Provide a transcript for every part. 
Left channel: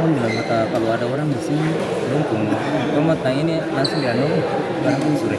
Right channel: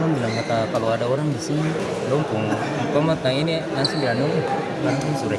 Abang bilang kata kalau ada orang di sini lompong, kamu mau tanya ini langsung dia nunggu, barang sore.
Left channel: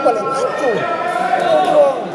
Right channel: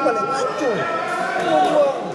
Paling hancur. Ngomong.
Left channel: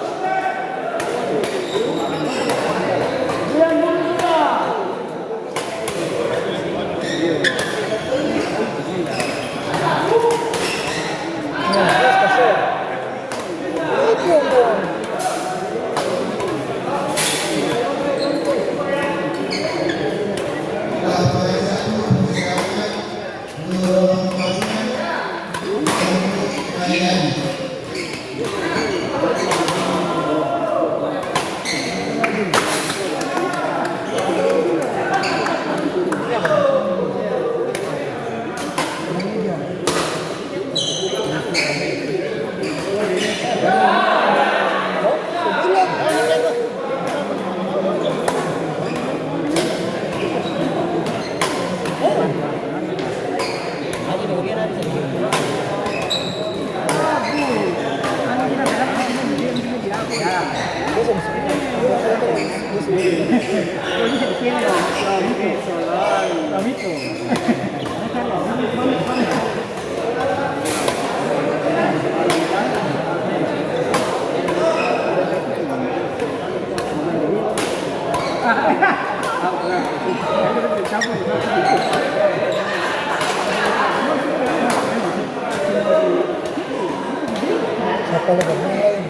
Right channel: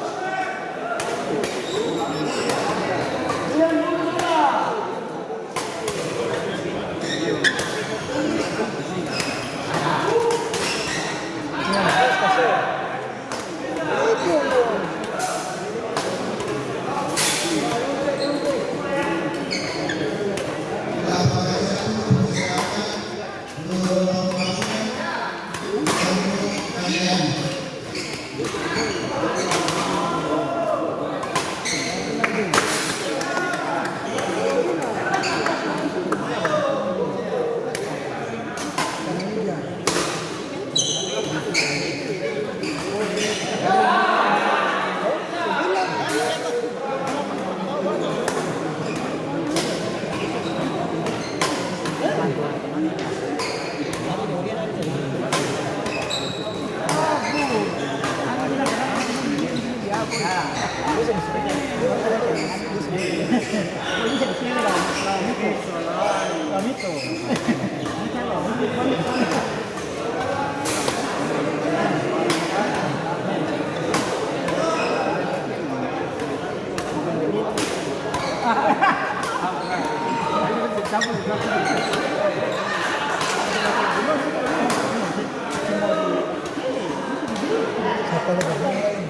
Kalau bermain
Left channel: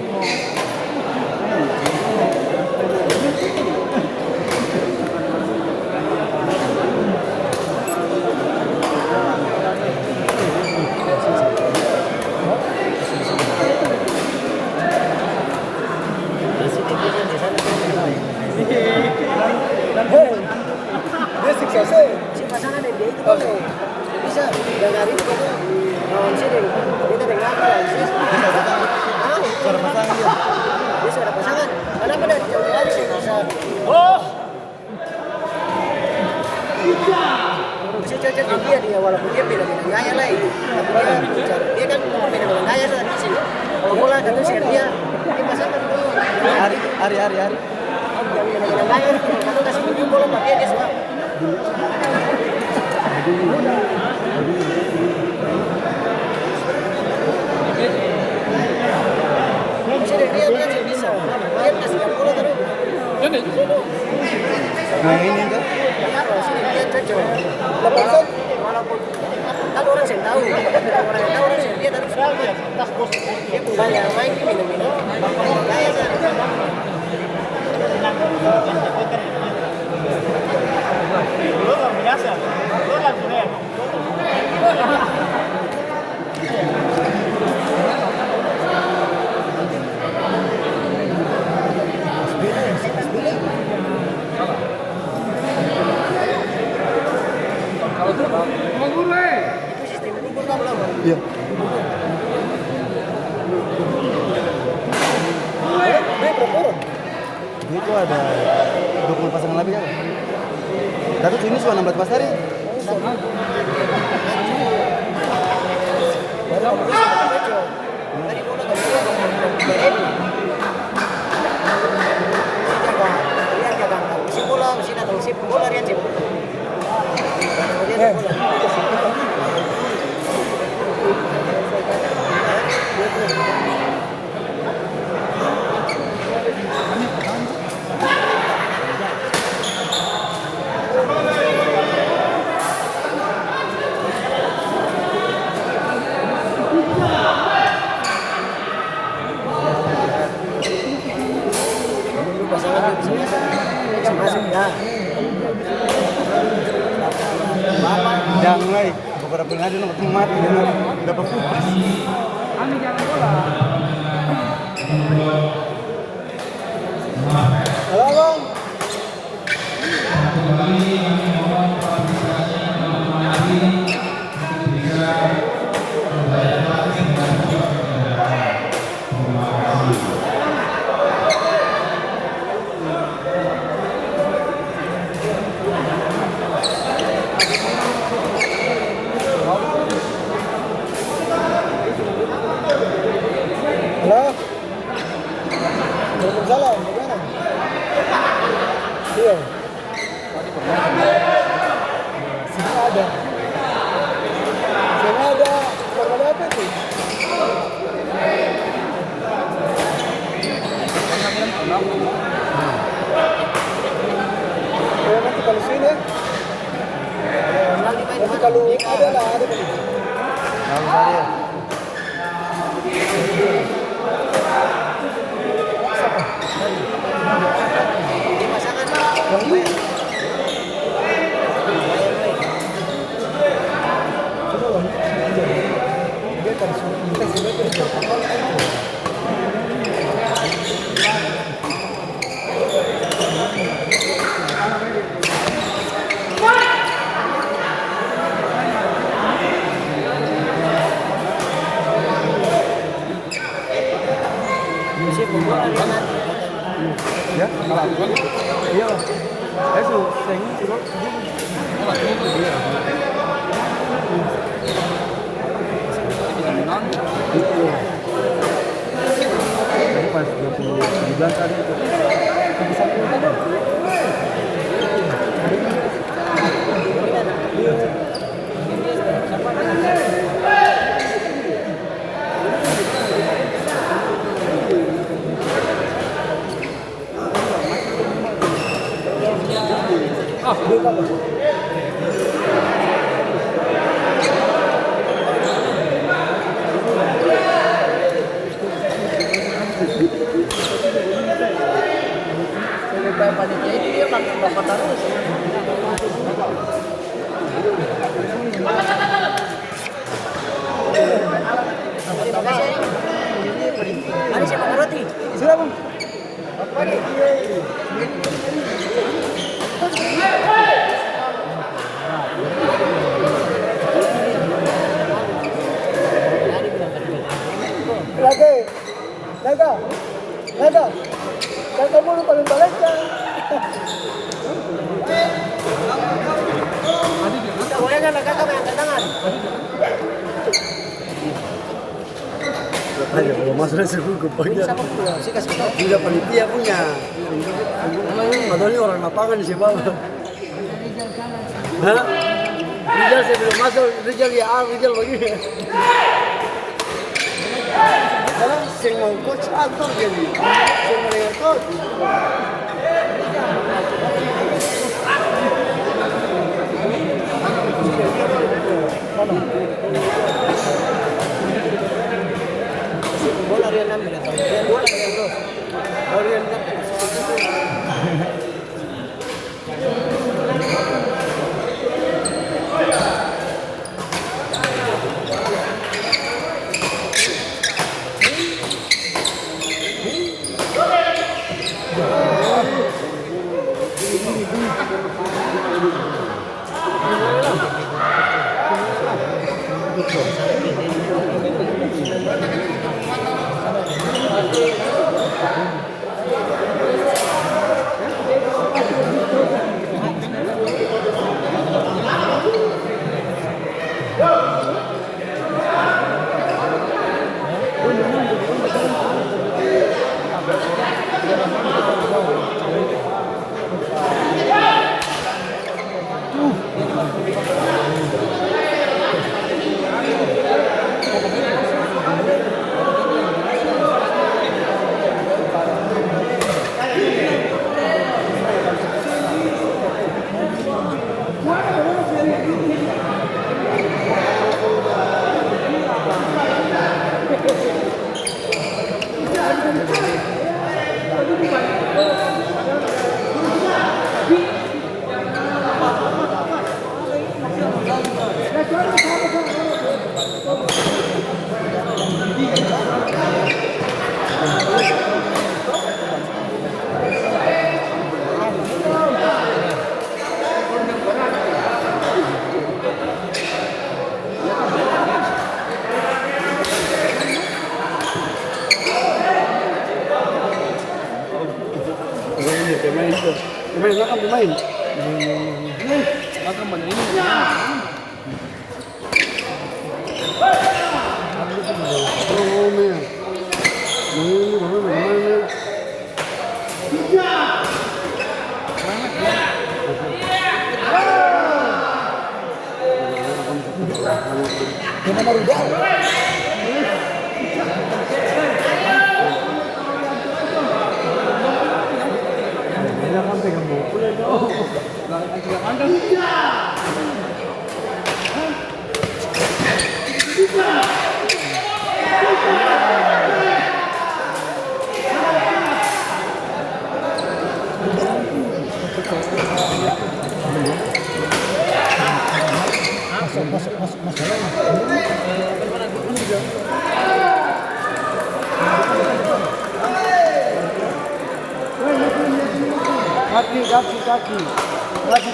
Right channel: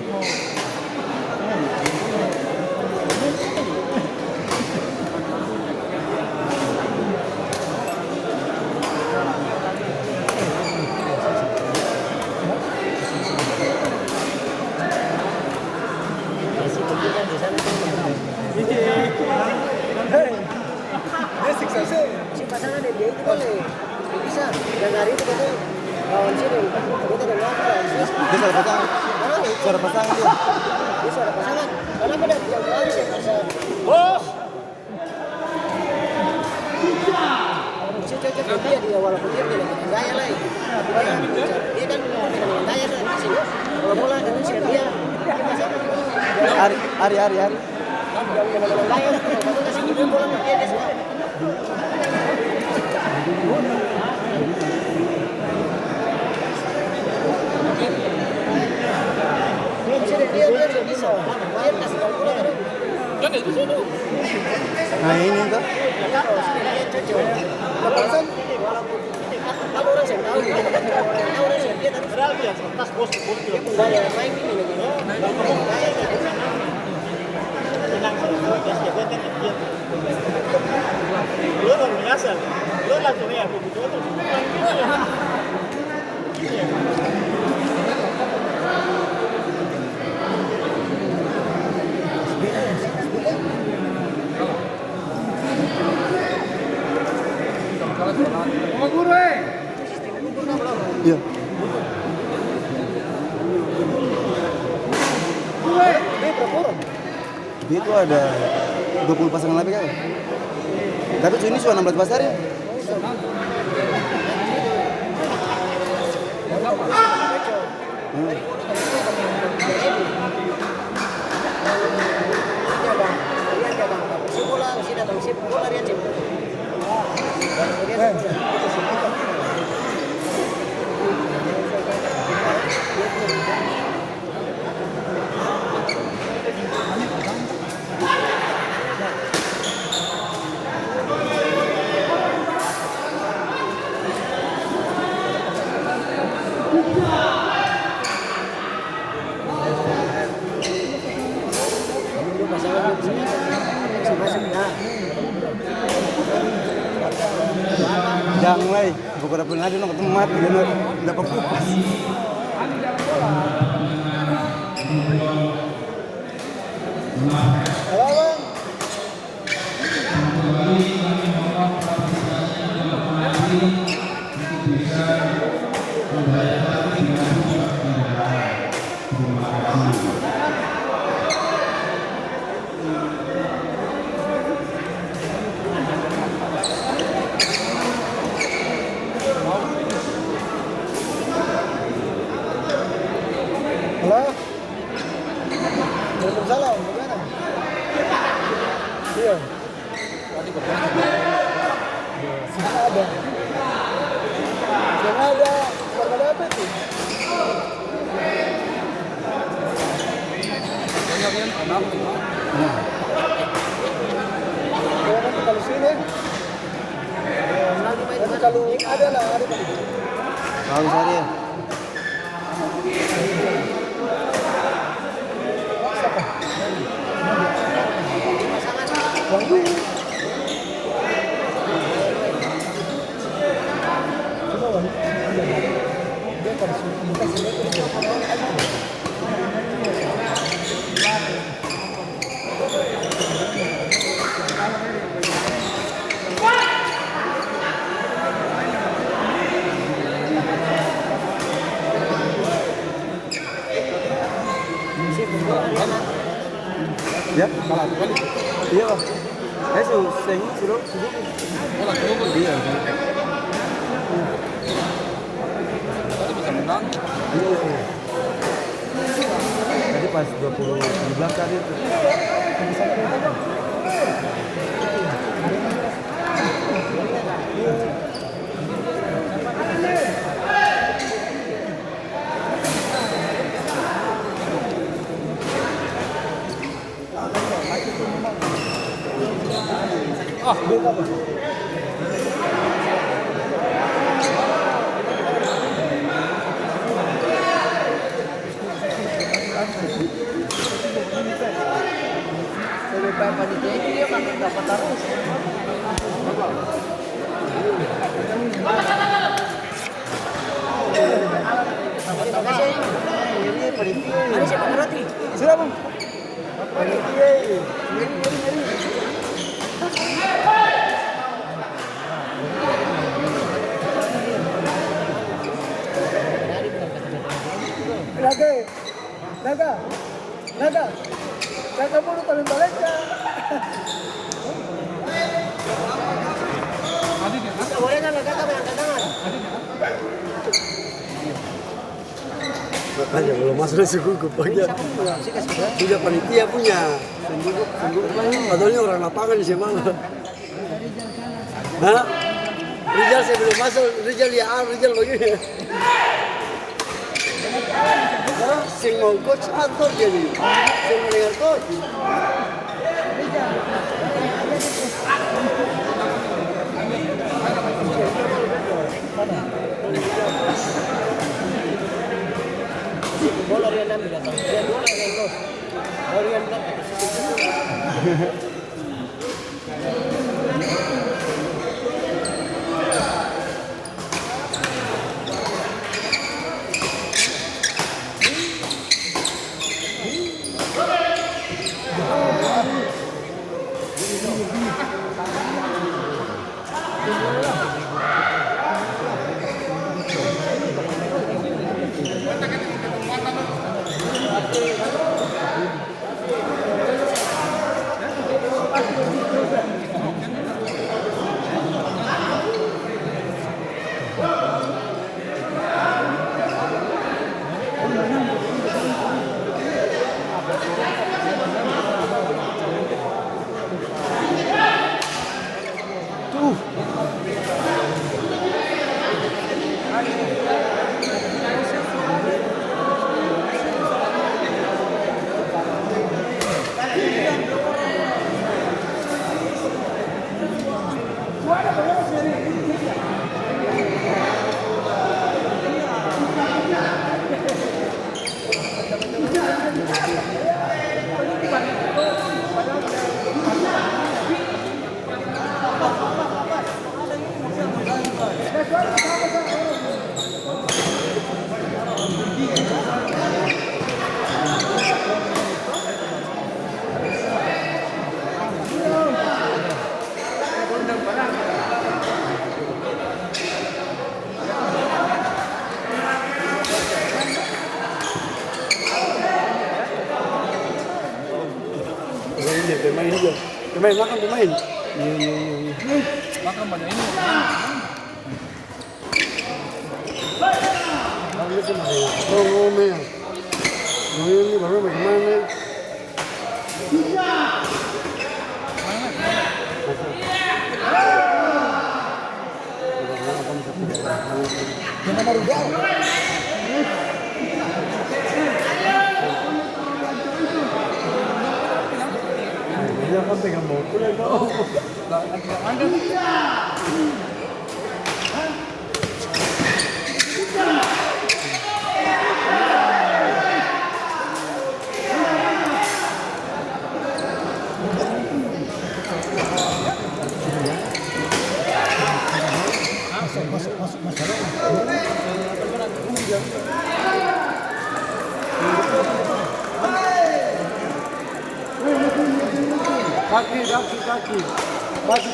dia siksa saya. Si pasangan dia itu kan bisa jangan itu kan lawan sini kita dengan apa bisa ada pasangan dia. Bisa ada pasangan. Kenapa dari jauh aja sih pasangan? Oh. Bisa cocok dia walaupun dia beda dengan gaya lah itu. Tapi dia kan beda dengan gaya kan di sini. Kalau bola kan sih dia pasangan. Hari. Yang beda dengan gaya kalau kasih dia bola pakai dia semua. Dia bisa. Dia kasih bola kan. Nah ini kan. Dia cocok. Lepasan walaupun kan orang yang tahu. Orang yang dia tapi pas bos itu gaya main ini benar-benar. Gaya biasa. Lu langsung ya. Iya. Dia itu ada 20 pasangan lebih kan? Tapi ini sudah 16 pasar ya? Jangan mulai beberapa nggak pernah ada nggak mati nggak berkupas. Halo bang. Halo. Waalaikumsalam. Bagaimana? Iya. Sini ada. Sini ada. Korban apa itu? Ya, nanti kalau sini, nanti kalau ada lah, ada kali. Tahu saya. Wahyu. Coba Wahyu. Dia kan kita sebenarnya itu. Ya, iya lah. Saya sudah iya. Jadi pas 2019 ada itu. Bisa menonton dong. Mari siapa roti? Siapa? Naga, kakak mulu paling balik kan? Boleh kan kakak yang tangan? Aja kalau masuk dari suku pagi. Tidak panitia punya. Padahal orang lapangan sih bawah. Hah? Rijal saya belum masuk. Rijal ya, Rijal begini. Sing mau coach atur jadi. Sing mau dengar coach. Mana? Bola Rian ambil lah. Rian bola Rian bro. Rian dapat. makan pemain. Makan banyak ini. Ini baru mainan. Yang nomor 2.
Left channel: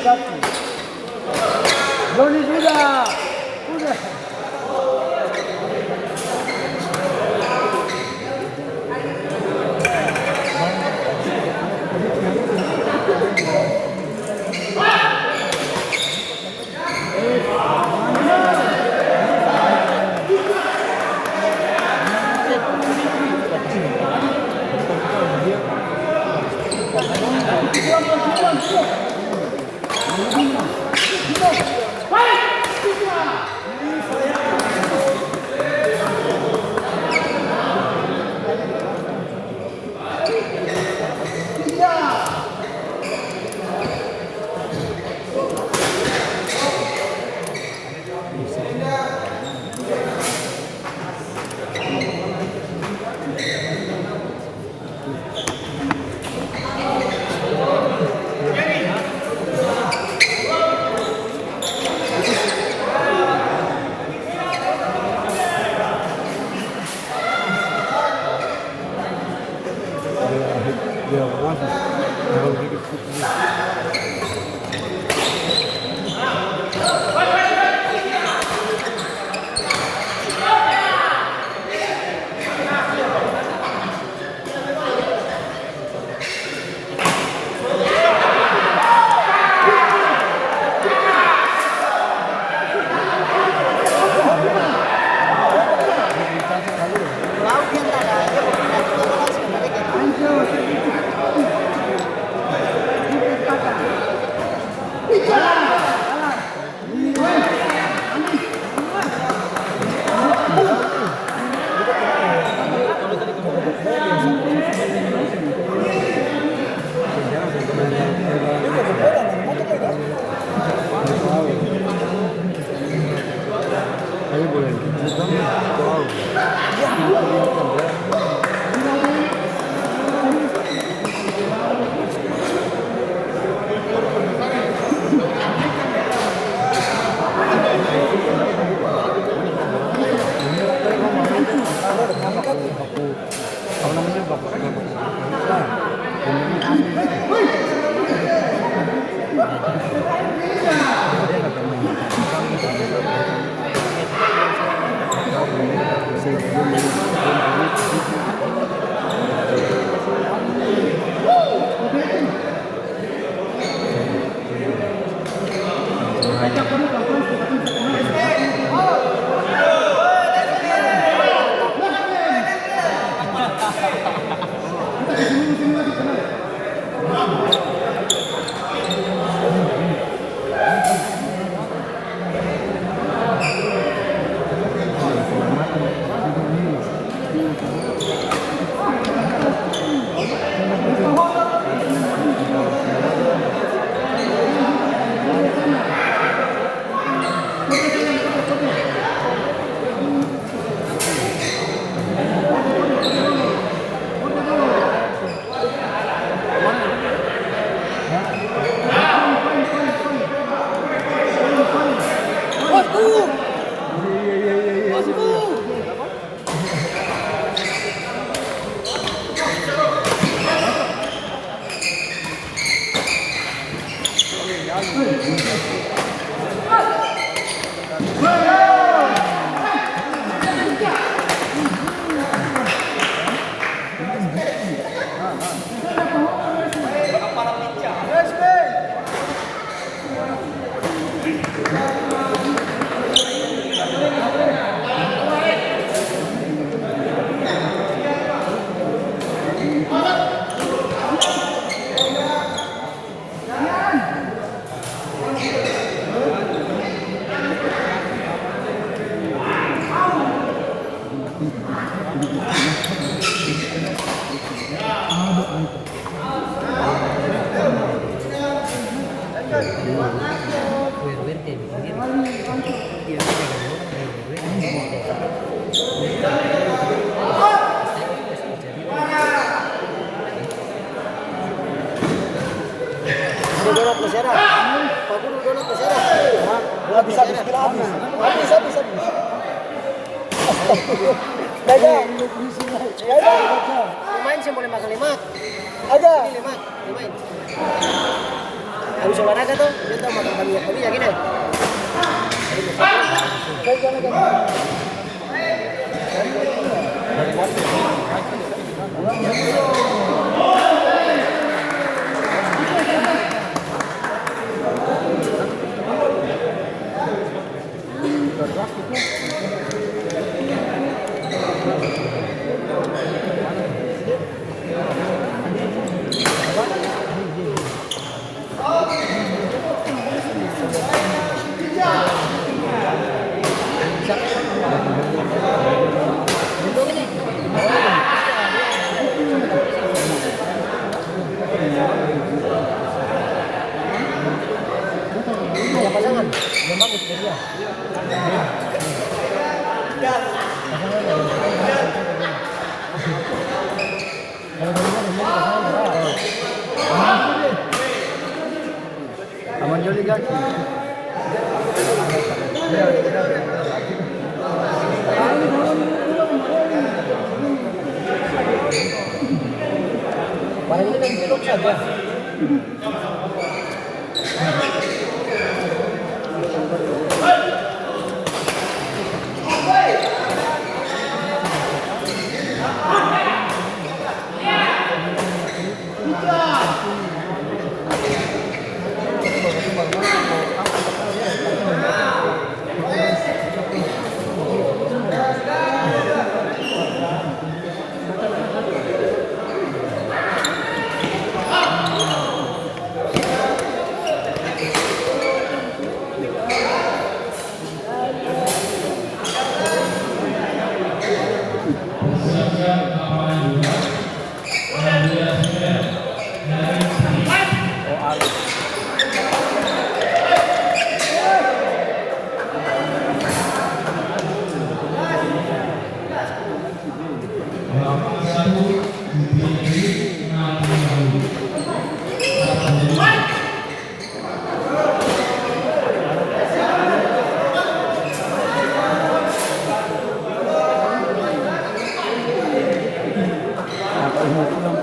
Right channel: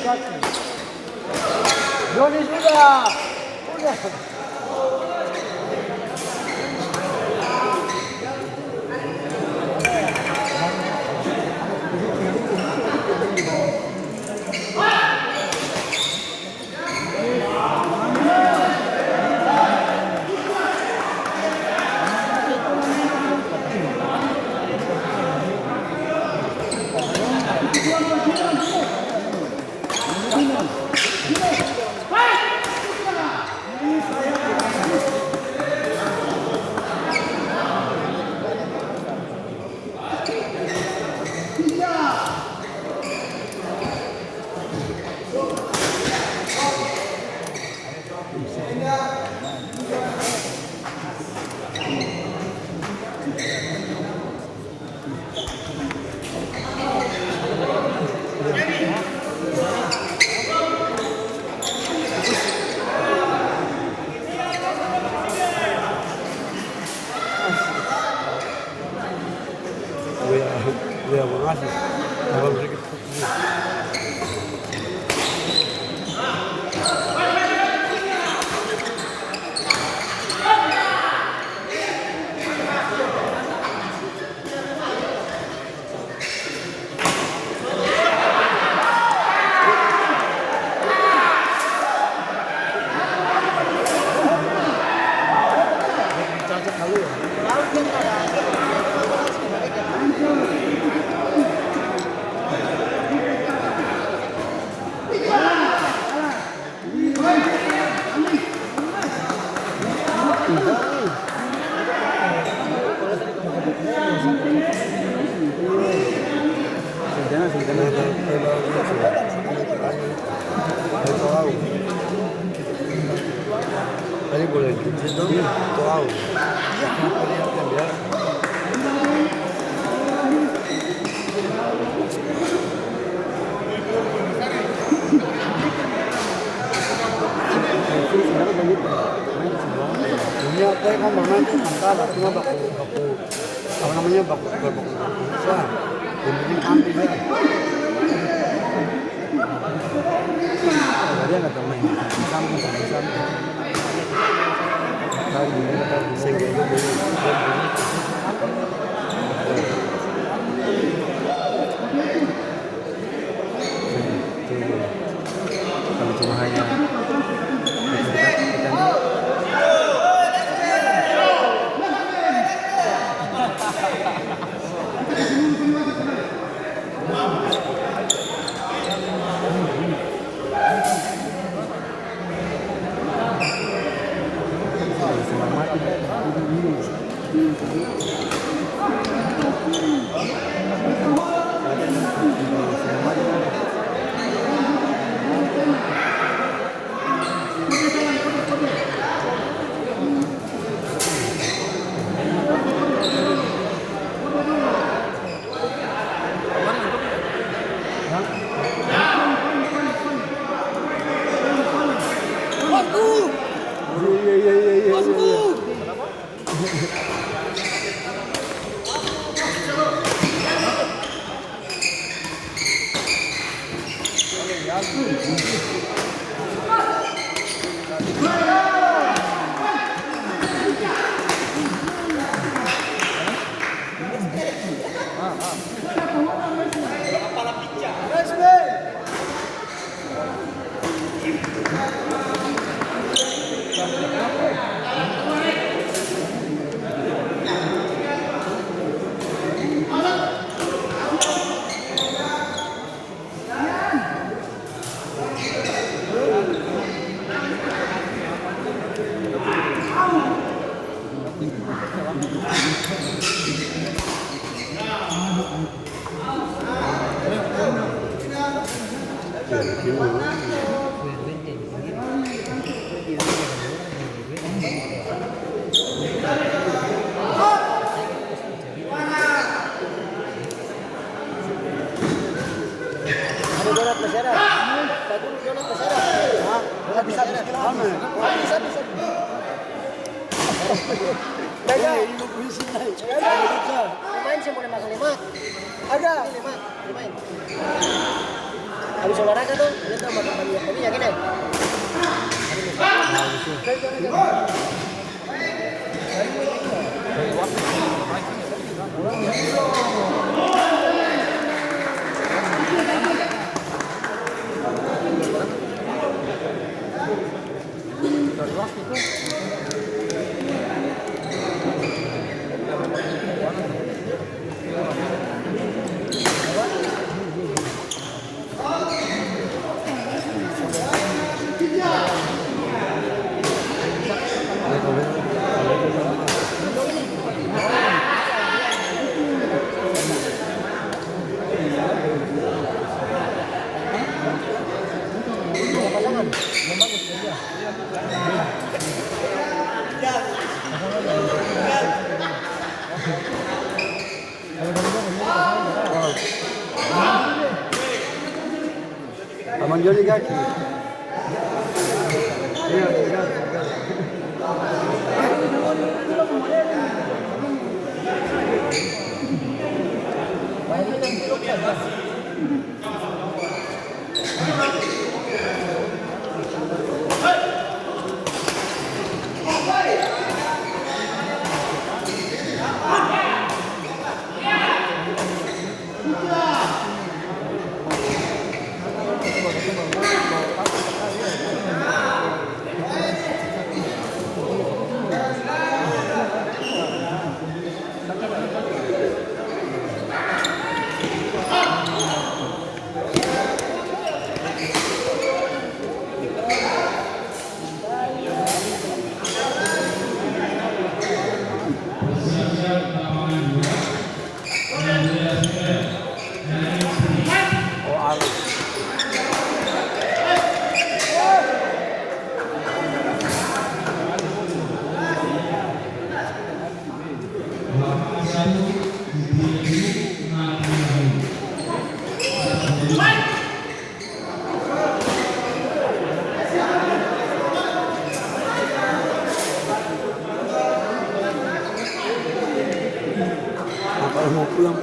Kaki. Doni sudah. Ada donat masyarakat. Pak Guru donat masyarakat. Habis kita habis. Habis. Jaga. Jaga. Main sih boleh makan 5. Ada. 5 main. Habis olahraga tuh, kita makan banyak ya gini. Jaga. Manjoli guys.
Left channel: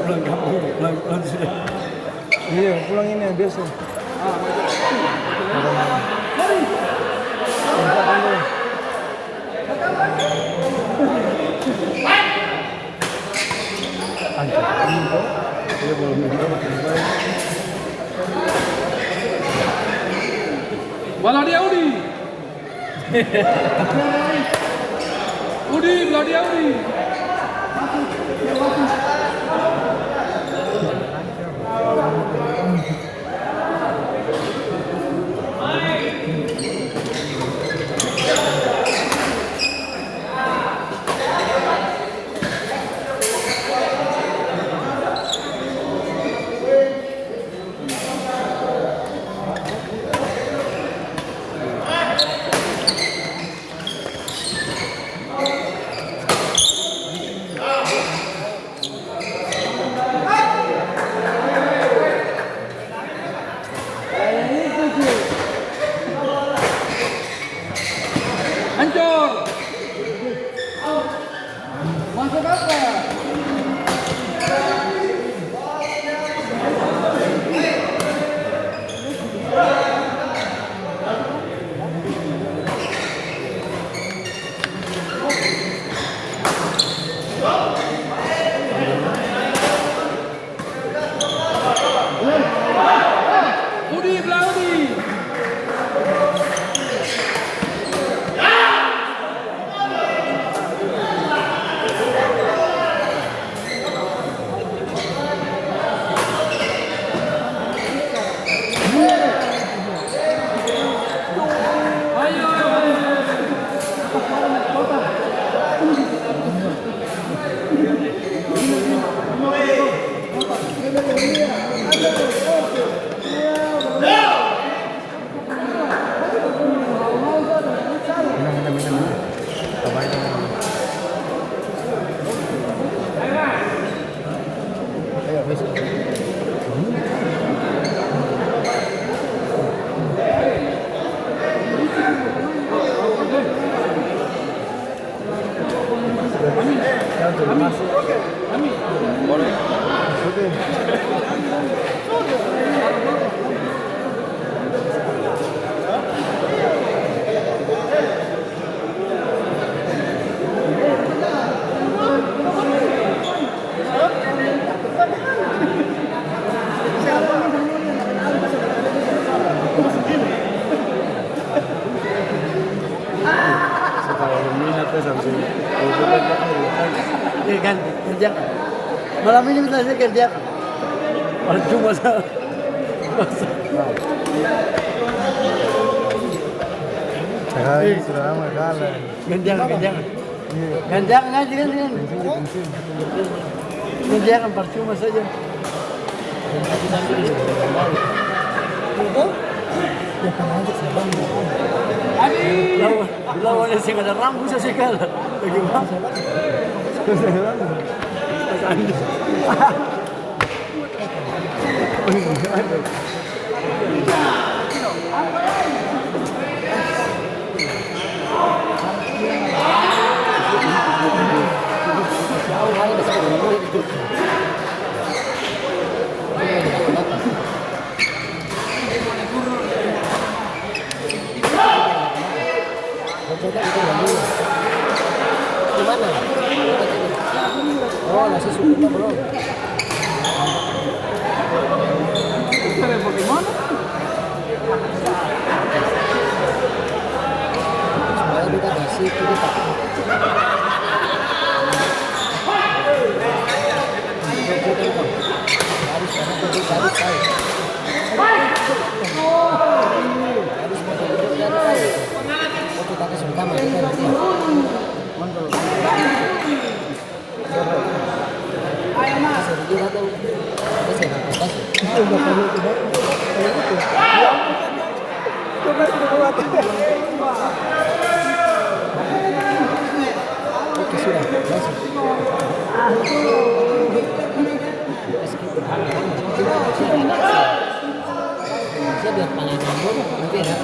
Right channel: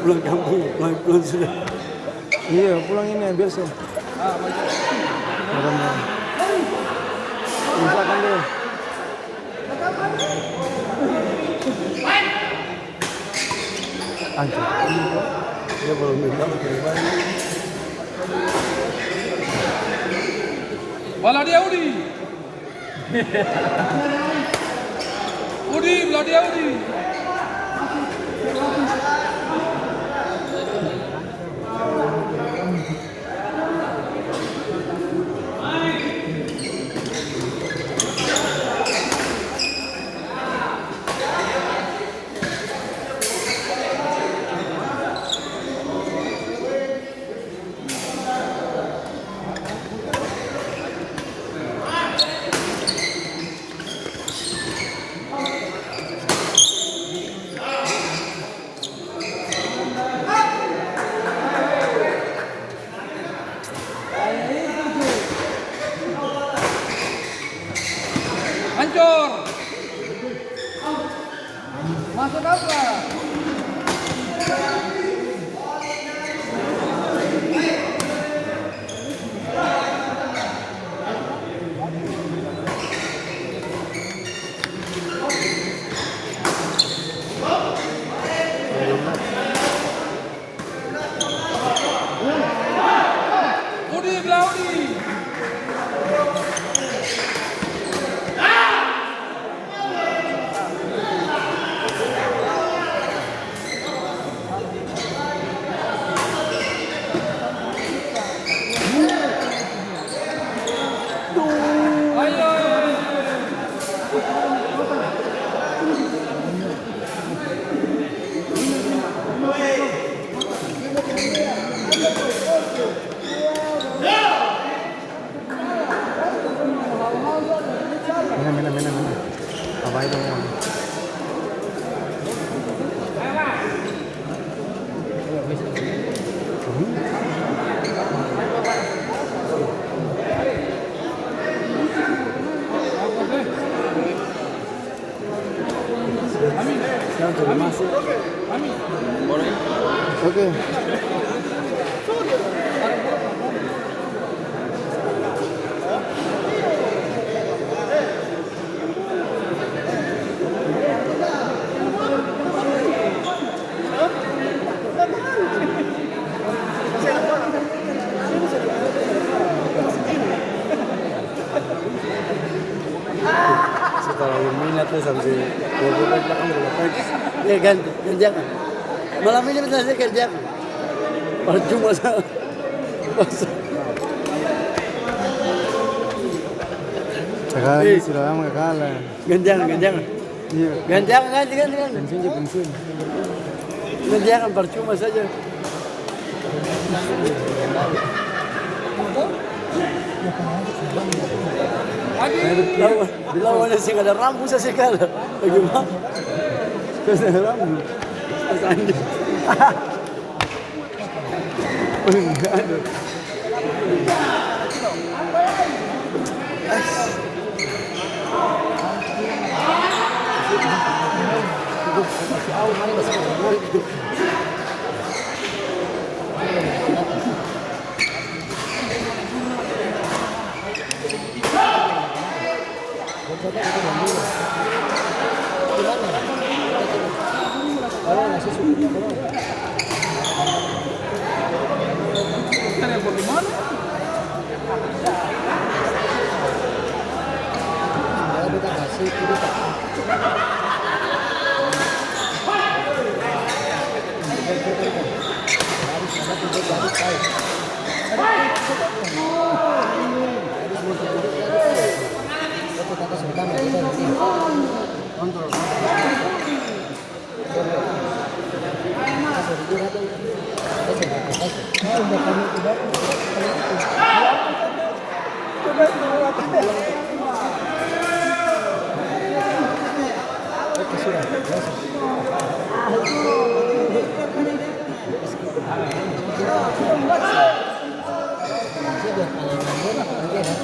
Pulang kampung, pulang sudah. Iya, pulang ini yang biasa. Misalkan dulu. Walau dia Udi. Udi, walau dia Udi. konfirmasi. Boleh. Oke. Setelah minat saya sampai ya kan kerja malam ini kita sih kerja cuma Ini sudah lama kalah. ganjang percuma saja. Lawannya sih ada rambut sih kalau bagaimana? Oh, nasi suku belum. Sebenarnya kita kasih kita. Oke, sudah. Saya biar panjang rambut, nanti ya.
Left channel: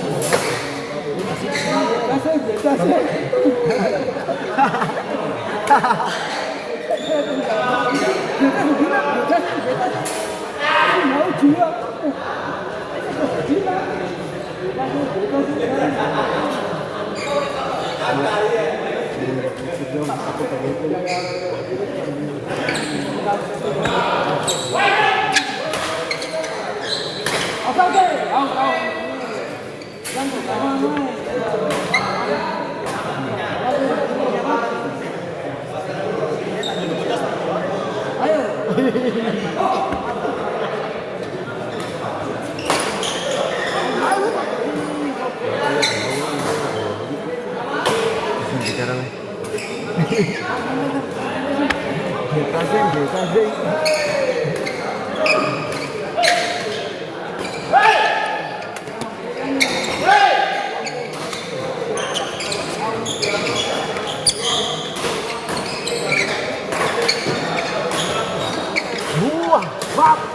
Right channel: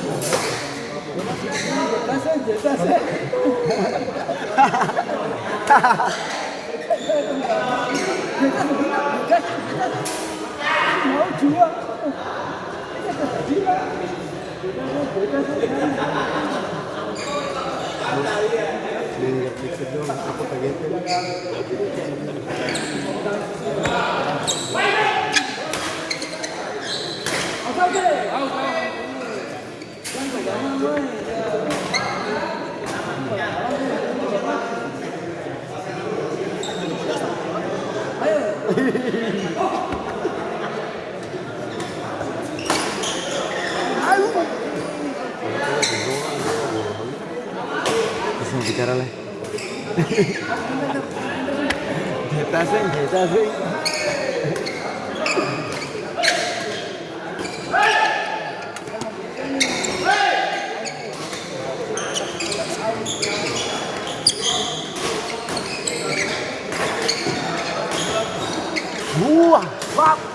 Bicara nih. Kita sih. Buang. Masuk.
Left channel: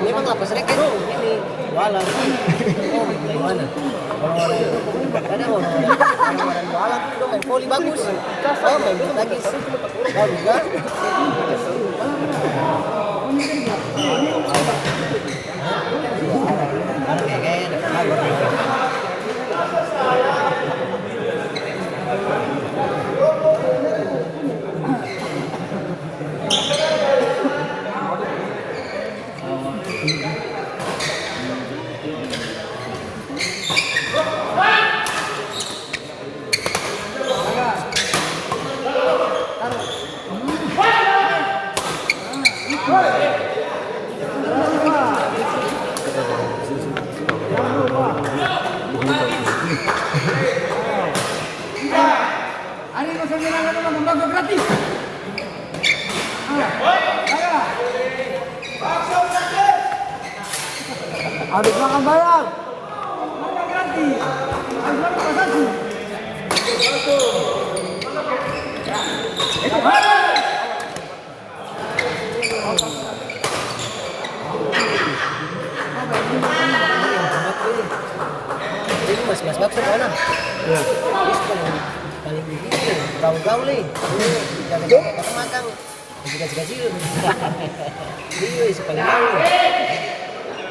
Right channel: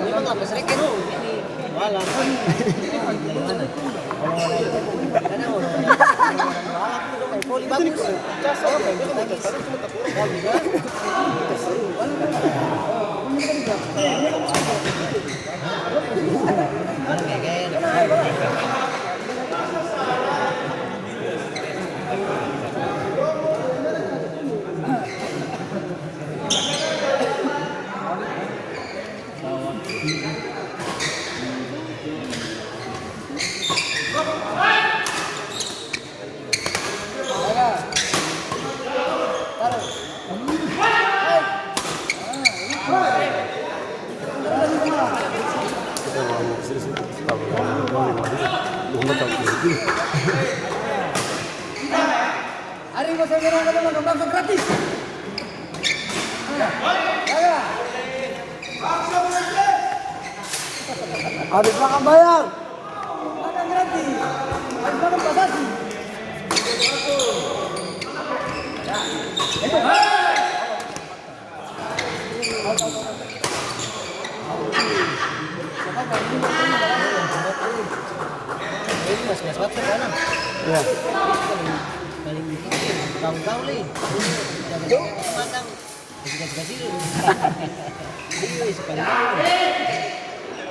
Memang apa sering kan ini jualan. Dari mana? Karena orang jualan itu main voli bagus. Oh, main bulu tangkis. Kau juga. Ada belakang bayar. Ini mas bakso mana? Ya. Paling gitu, gaul-gaul nih. Jangan makan. Gaji-gaji. Iya, paling gaul.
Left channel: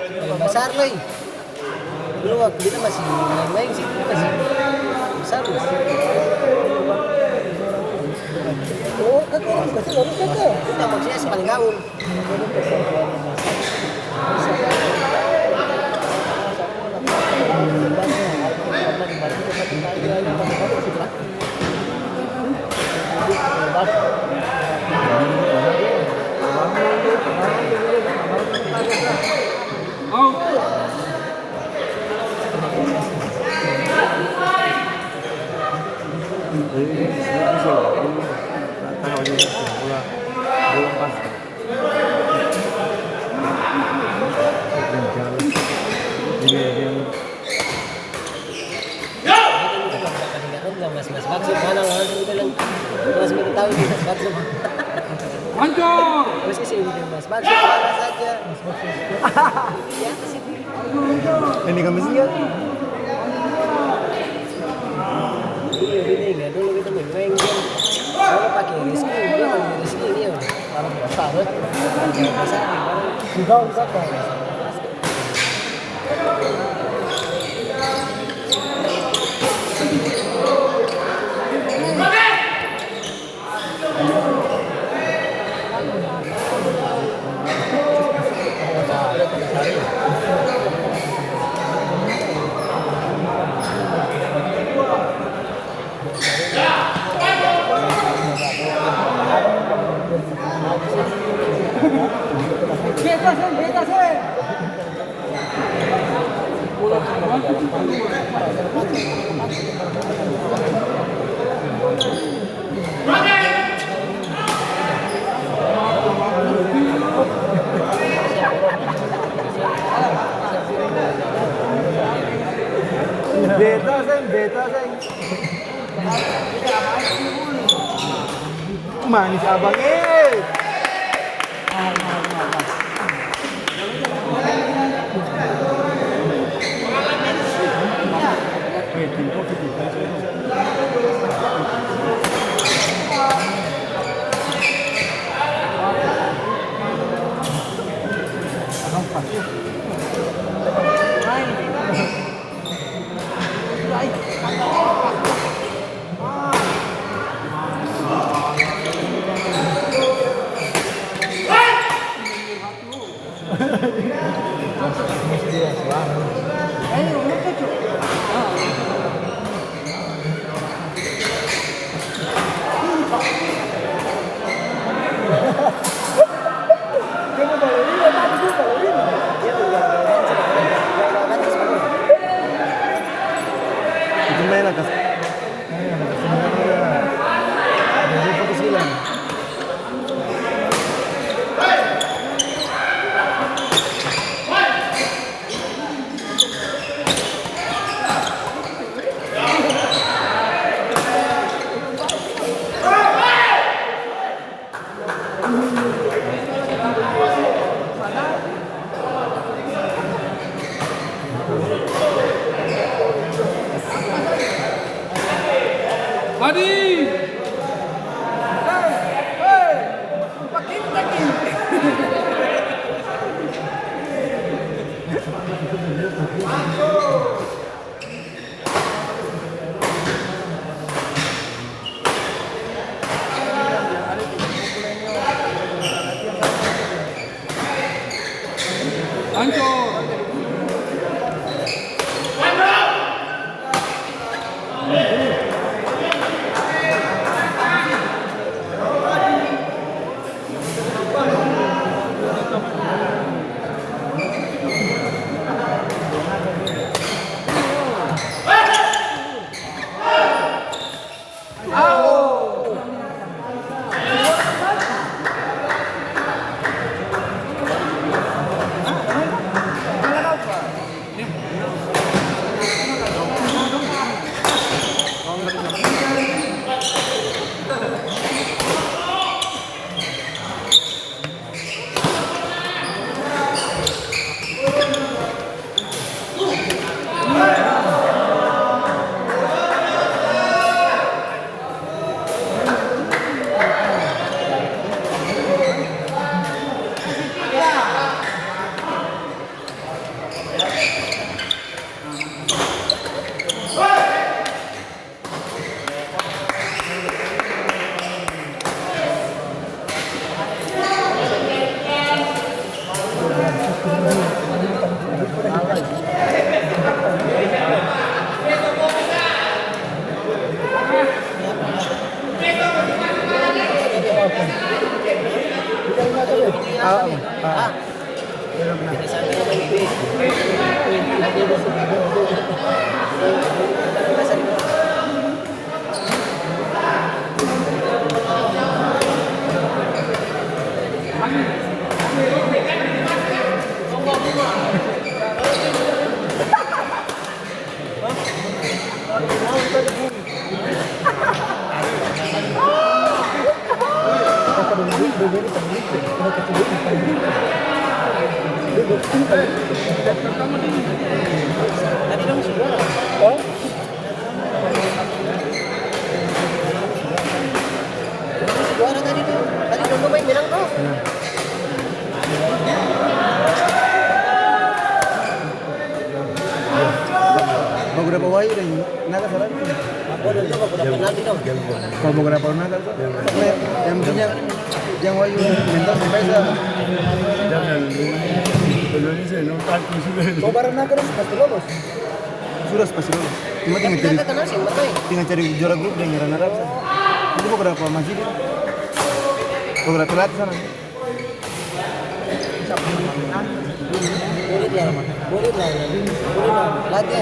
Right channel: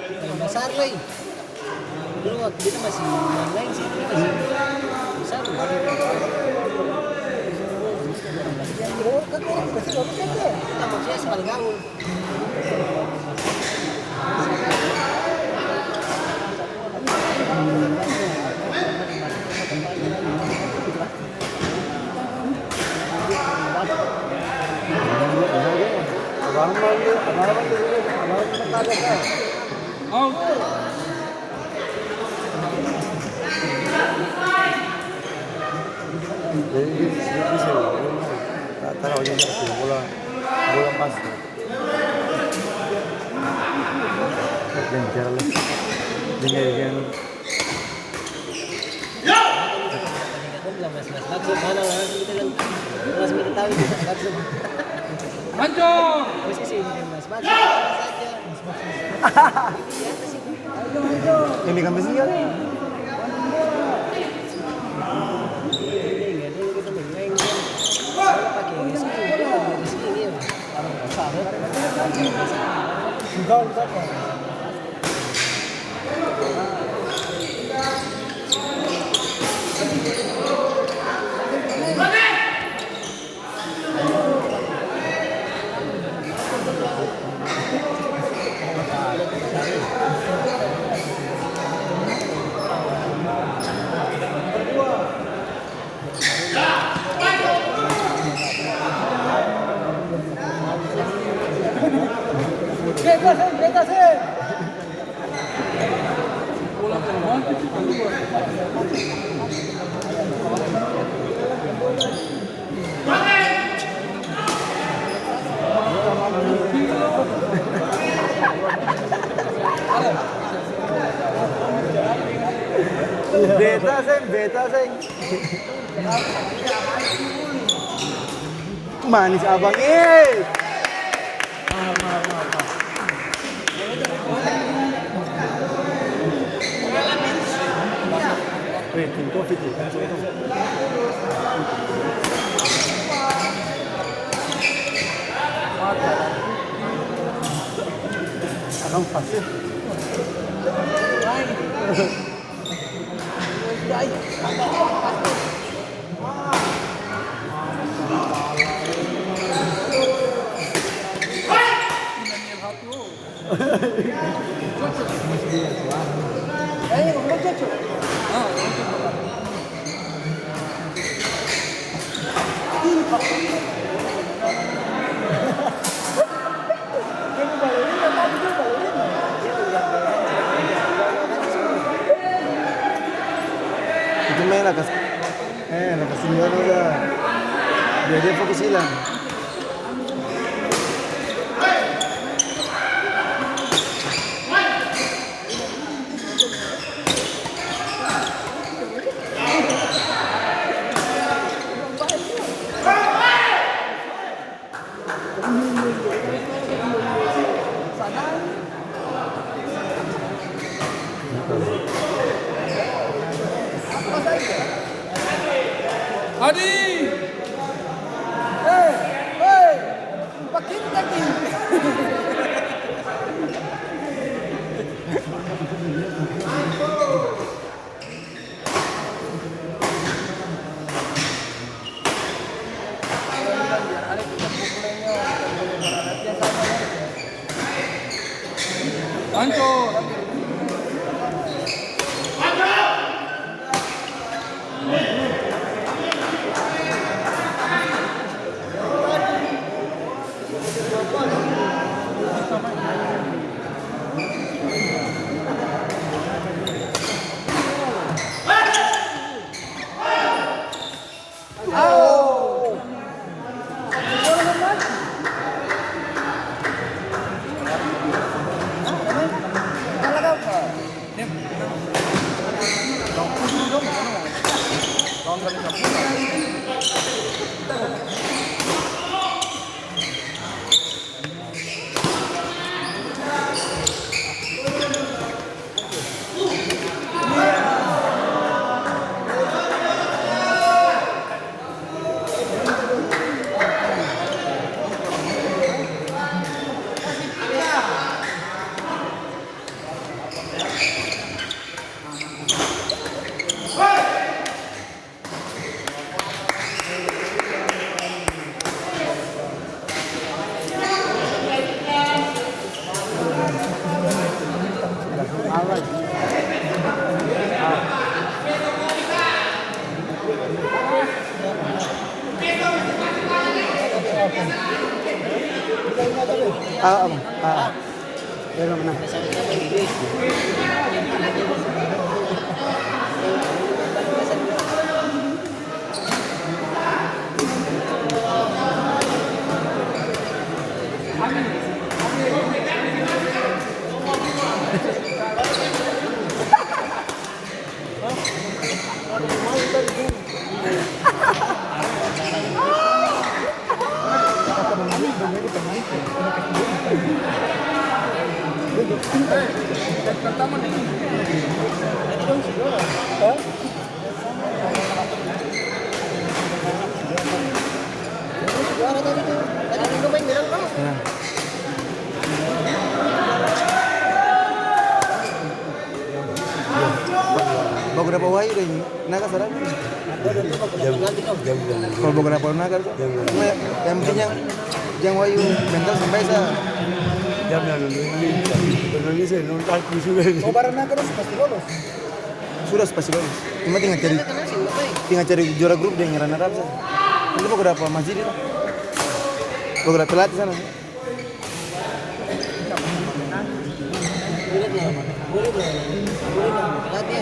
Paling besar nih. Dulu waktu kita masih main sih, masih besar. Oh, kakak kasih ngomong kakak. Kita maksudnya paling gaul. Mana lah kita bilang masih kita tahu itu bakso. Hancur. Terus sih ini mas bakso saja. Ini kami siap. Ini enggak dulu kita main kalau pakai reski juga pakai reski ini ya. Kalau besar besar. Sudah kakak. Beta seng. Manis abang Anco. Juara tadi tuh. Tadi Rondo main bilang tuh. Beberapa wayu deh, naga serang. Kalau beberapa naga tuh, yang pentingnya yang wayu mental sampai saya. Kalau barang naga harus pasti lolos. Sudah pasti lolos. Cuma tinggal cari juara grup dan nyerang Arab. Itu beberapa masjid itu. Beberapa pelatih sana. Boleh latih.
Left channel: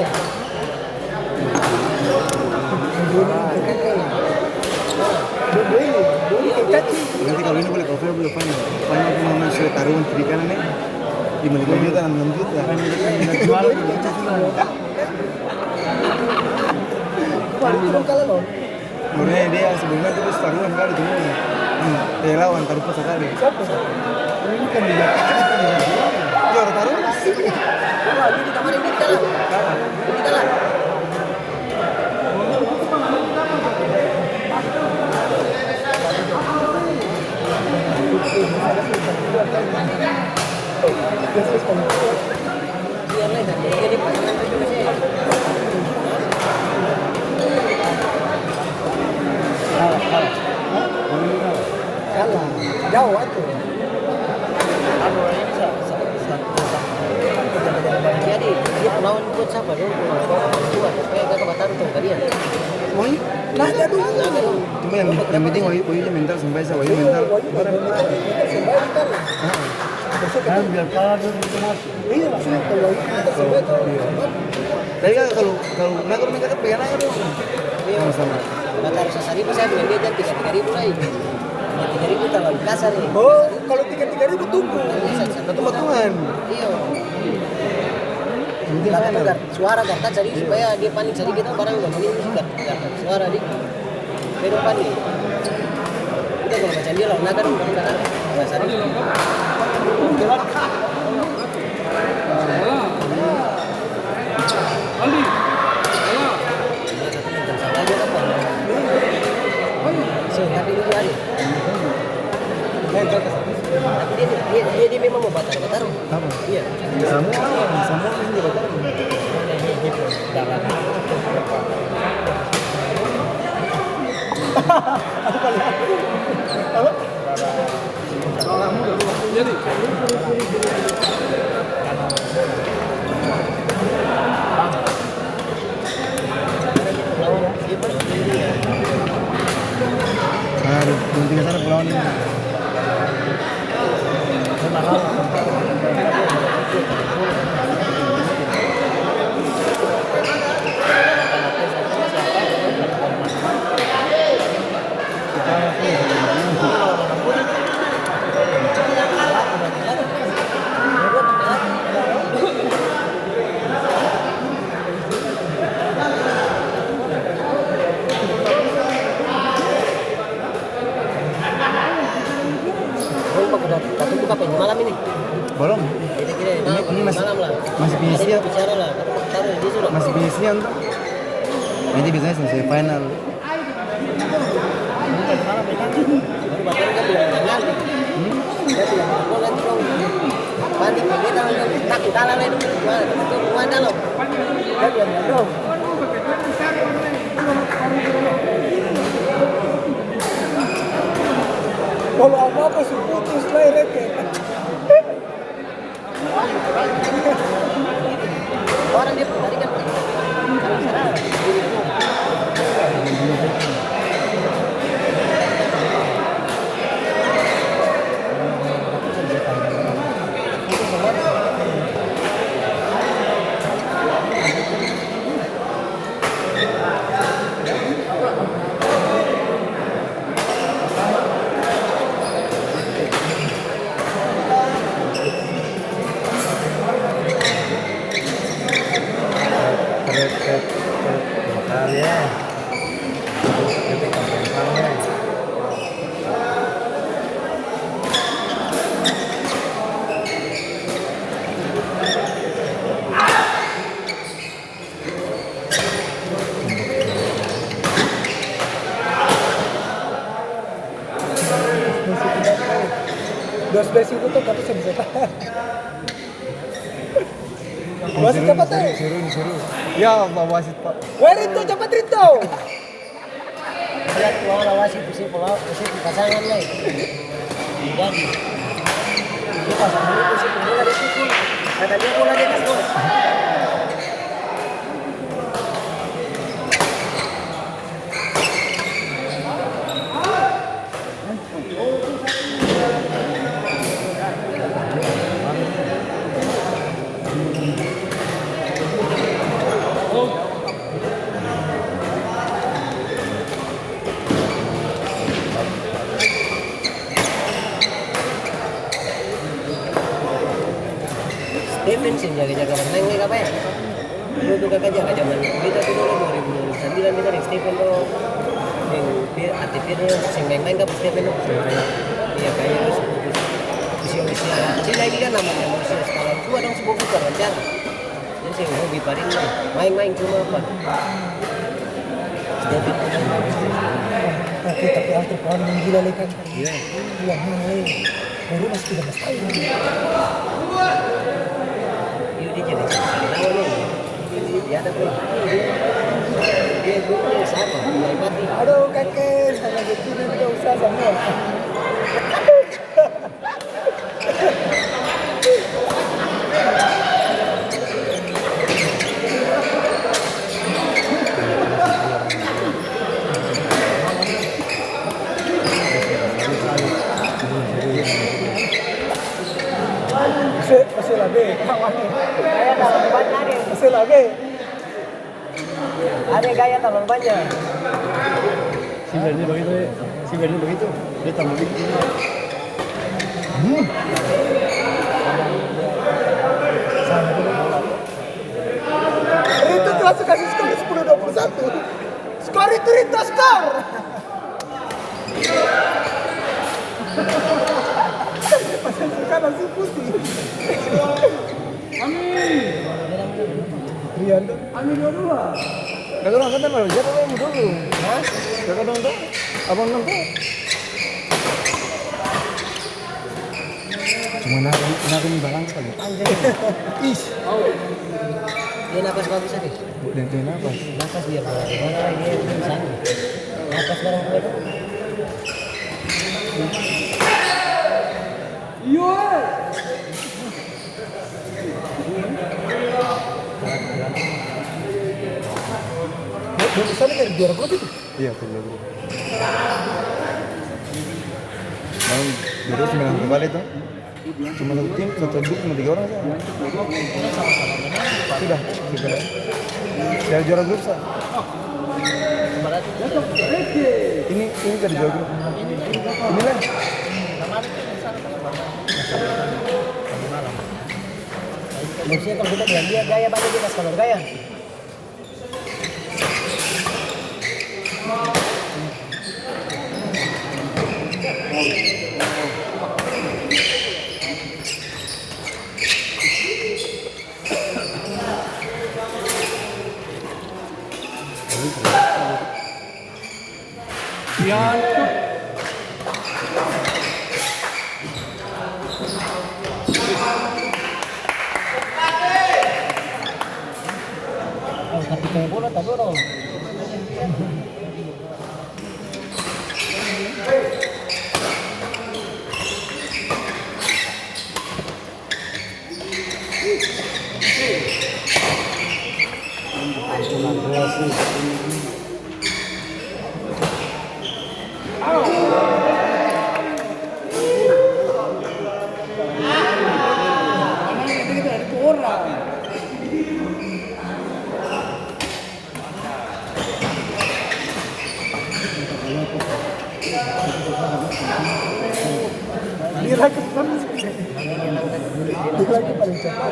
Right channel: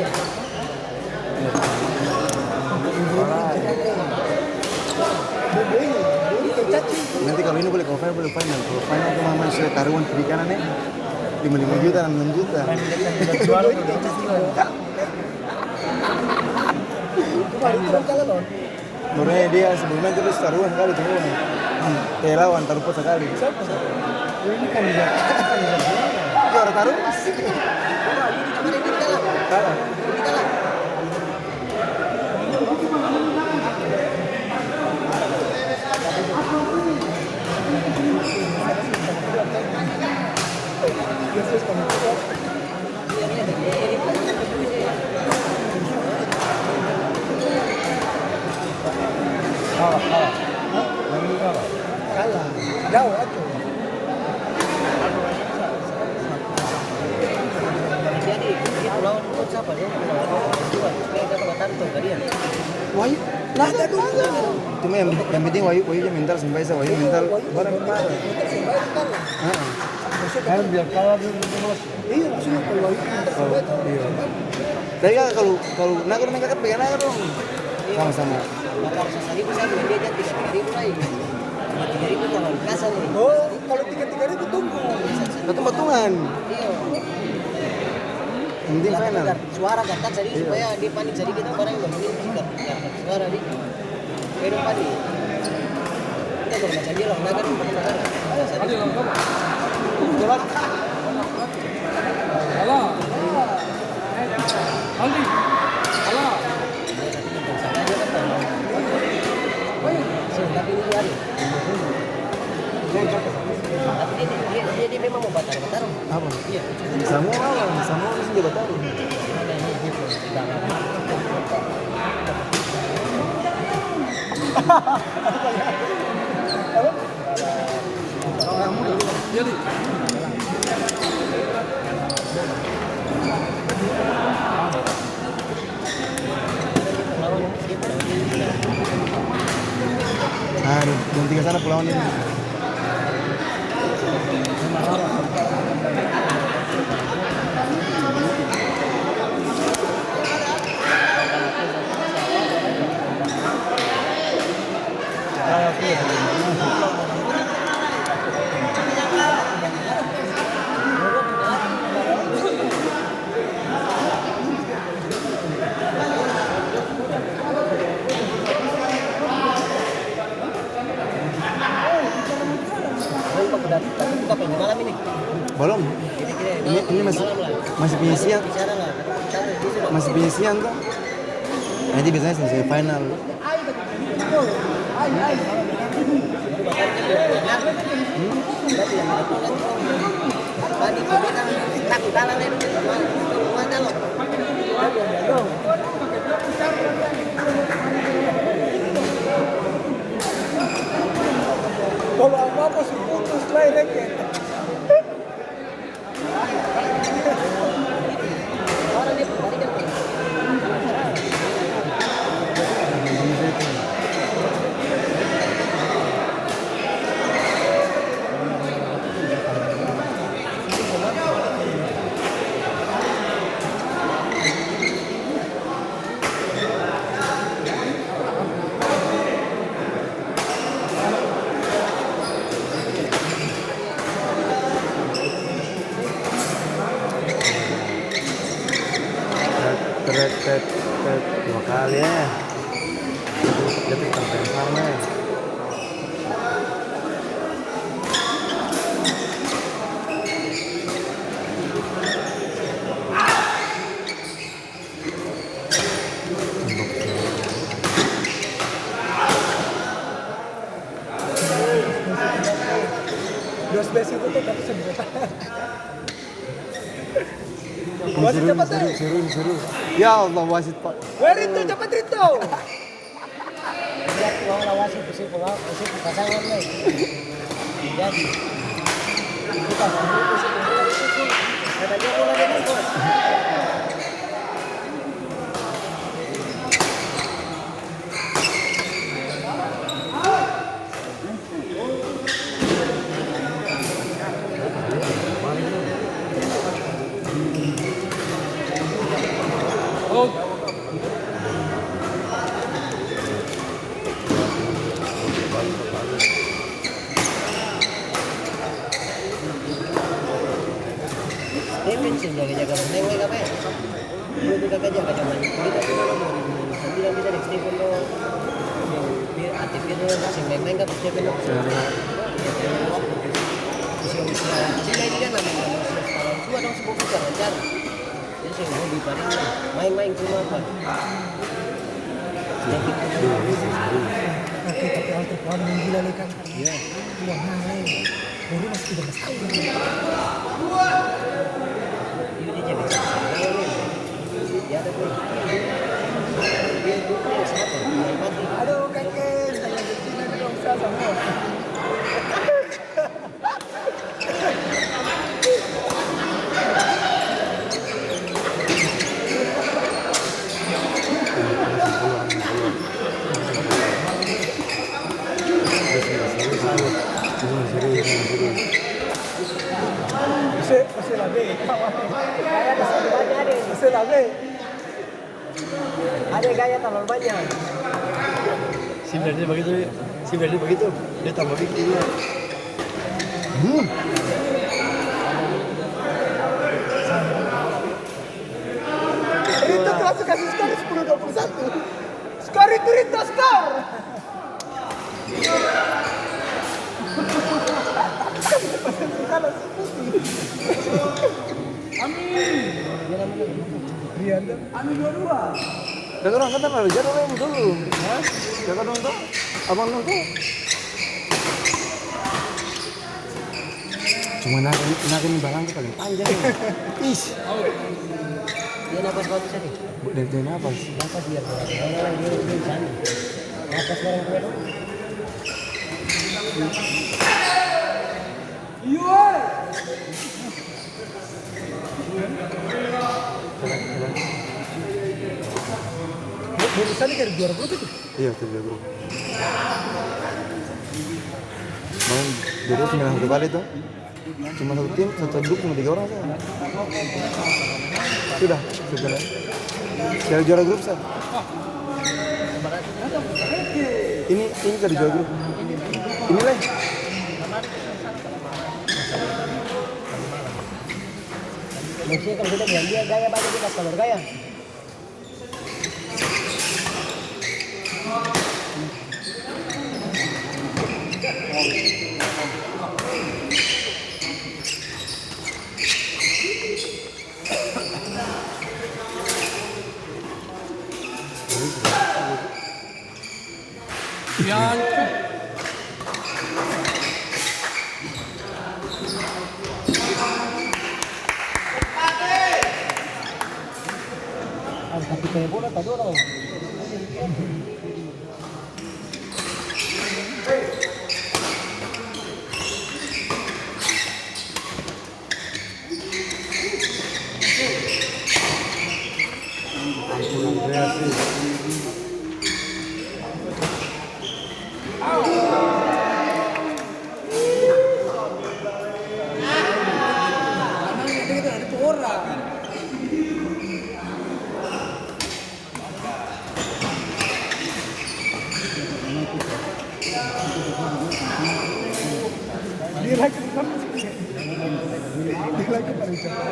Nanti kalau ini boleh cover boleh final. Final cuma masuk taruhan kiri kanan nih. 5 juta, 6 juta. Kemarin turun kali loh. Sebenarnya dia sebelumnya itu taruhan kali cuma lawan taruh sekali. Siapa? Ini kan dia orang taruh. Kemarin di dalam. Di dalam. Kalah, jauh aja. Jadi dia pulau itu siapa dong? Pulau dua. Kayak ke Batam tuh tadi ya. Woi, Naga dulu. cuma yang penting wayunya mental sampai saya wayu mental. Sembahyang kan. Kan biar kalah dulu itu masuk. Iya maksudnya kalau itu Sembahyang tuh. Tapi kan kalau naga mereka kan pengen aja dong. Sama-sama. Maka harus sehari bisa beli dia kan 3.000 lain. 3.000 terlalu kasar ini. Oh, kalau 3.000 tunggu. Itu potongan. Iya. Penting Belakang final. suara gartak jadi supaya dia panik jadi kita barang udah beli gartak suara di baru panik. Itu kalau macam dia lah naga dong gartak. Dasar ini. Salah. Aldi. Salah. Salah aja kan. Tapi ini ada. Tapi dia memang mau batar. Apa? Iya. Sama. dia betul. Jadi. Nah, di tinggal sana pulau ini. Tapi buka apa ini malam ini? Belum. Ini masih penyisian. Bicara lah. Dia sudah. Masih penyisian tuh. Nanti biasanya selesai final. Baru bahkan kan dia bilang. Jadi yang aku kan dong. Balik ke kita tak kalah lah itu gimana? Itu gimana loh? Jadi yang dong. Kalau apa-apa sih putus lah reket. Orang dia tadi kan. Dua space itu tuh tapi bisa tahan. Wasit cepat deh. Ya Allah wasit Pak. Rito cepat Rito. Lihat lawan wasit posisi pasangan lah. Jadi itu pasangan posisi bola di situ. Kata dia bola di atas bos. Stephen sih jaga-jaga bermain apa ya? Dulu kakak jaga-jaga kita dulu 2009 kita dari Stephen lo yang dia aktifnya sing main-main kan Stephen lo ya kayak usia Cina ini kan nama usia setahun tua dong sebuah bukan kan jadi sih hobi paling main-main cuma apa Tapi alter pohon yang gila lekan. Iya. Wah mahal. Baru masih 13 tahun. Ya ada pun. Dia itu siapa? Aduh kakek, saya jadi tidak usah semua. Masih lagi, Gaya tambah banyak ada. masih lagi. Ada gaya tambah banyak. Sebenarnya begitu. Dia tambah begitu. Rito langsung kasih skor 10-21. Skor itu Rito skor. Kan langsung putih. Rianda. Kakak nonton apa? Siapa yang dulu? Hah? Kakak nonton? Abang nonton? Cuma nari barang itu paling panjang. Ih. Dia napas bagus itu. Dan apa? Napas dia mana dia sana. Napas barang itu. Bonusannya kayak juara grup itu. Iya, kerja grup. Main jadi 9 kali itu. Cuma satu tim, satu grup cuma 3 orang saja. Sudah. Dari juara grup sah. Ini dari juara grup. Ini lah. Maksudnya kalau kita bilang dia gaya baca dia kalau gaya. Tapi kayak bola tak dorong. Dia lagi paling cepat.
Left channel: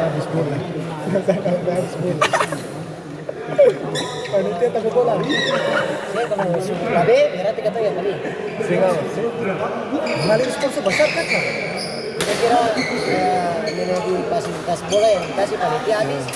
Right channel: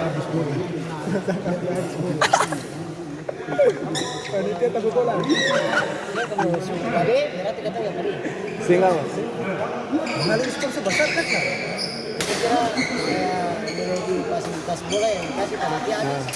Habis bola. Habis bola. Panitia takut bola. Ya kalau Babe berarti kata yang tadi. Sehingga Maling sponsor besar kan? Saya kira dulu pas bola yang dikasih panitia habis.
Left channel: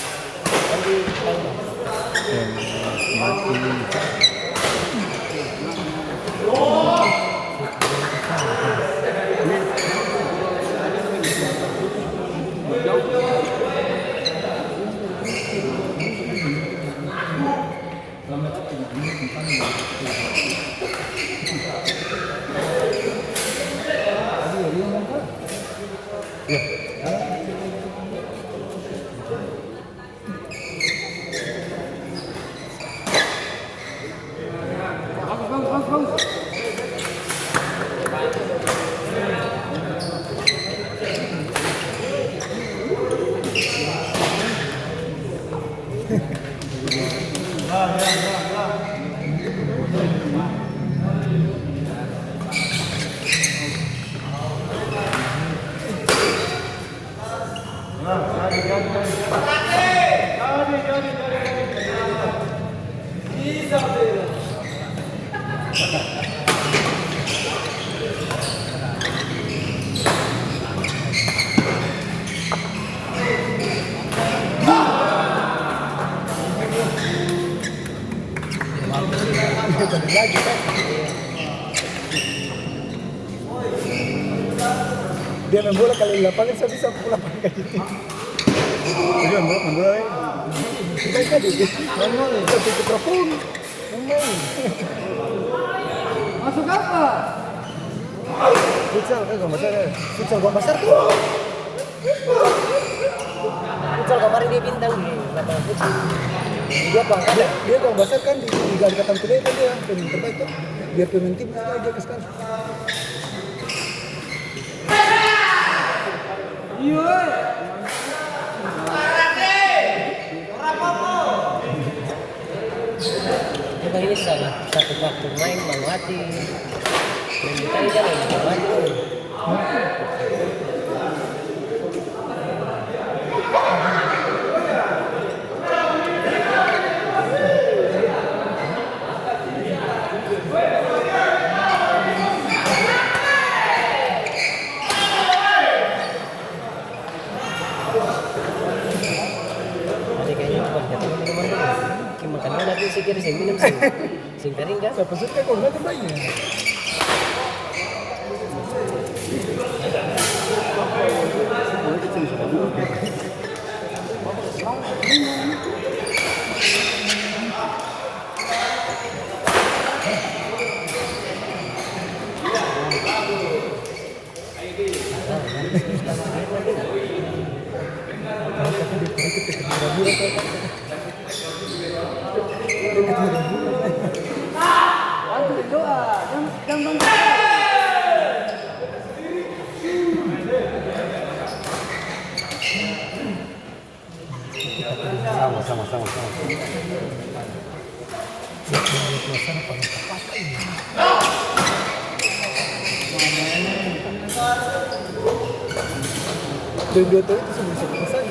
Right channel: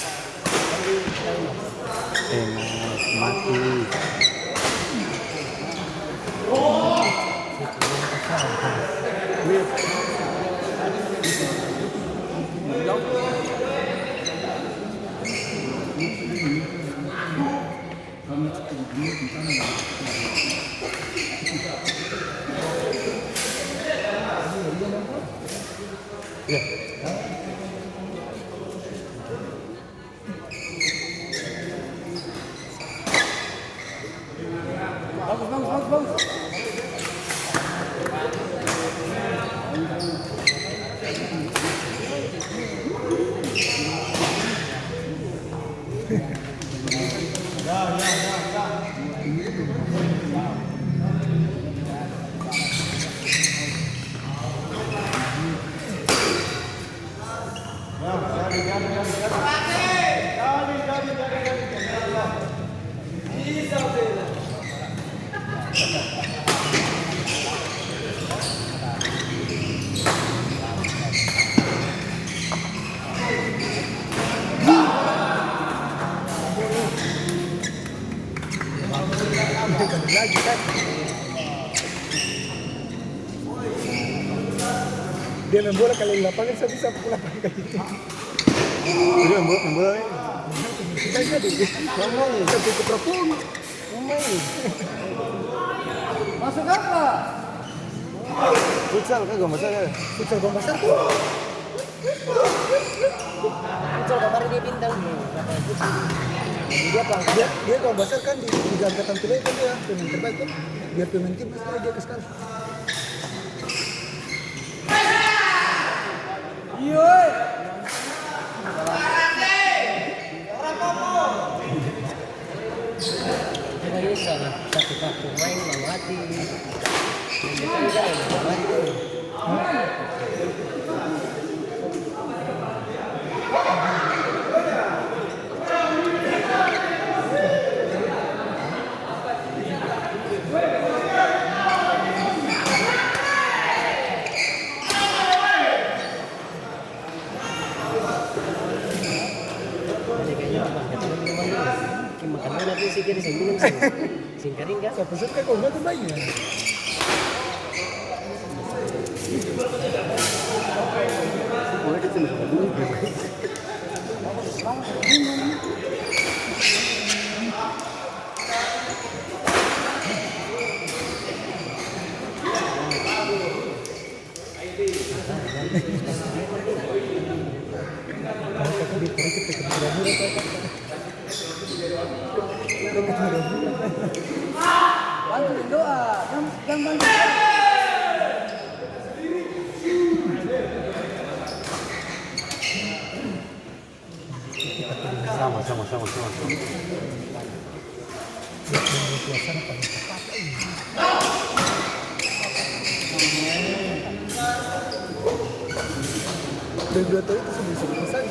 Lagi kan? Dia main bola kali lapangan saya bisa pulang kayak gitu. jadi membola Baik tadi. Tapi mikrofon. Masuk apa? futsal kan gak masalah. Futsal gua besar tuh. Futsal kemarin dia bintang nih, lapangan futsal. Dia pangkat. Dia gua besar kan di Liga Angkatan Kuliah kan dia pemain terbaik tuh. Biar pemain tim dia ke sekali. Memang ini satu waktu main mati. Ini kan yang jalan tuh. Ada kayaknya pas datang ke minuman dulu. Makannya nanti sih kira saya minum sing kering kan. Saya pesen kayak kurma tuh banyak. Bantu doa dan bantu. Sama. Suasana paling tepat ini. Dua tahun itu sebelum pesan.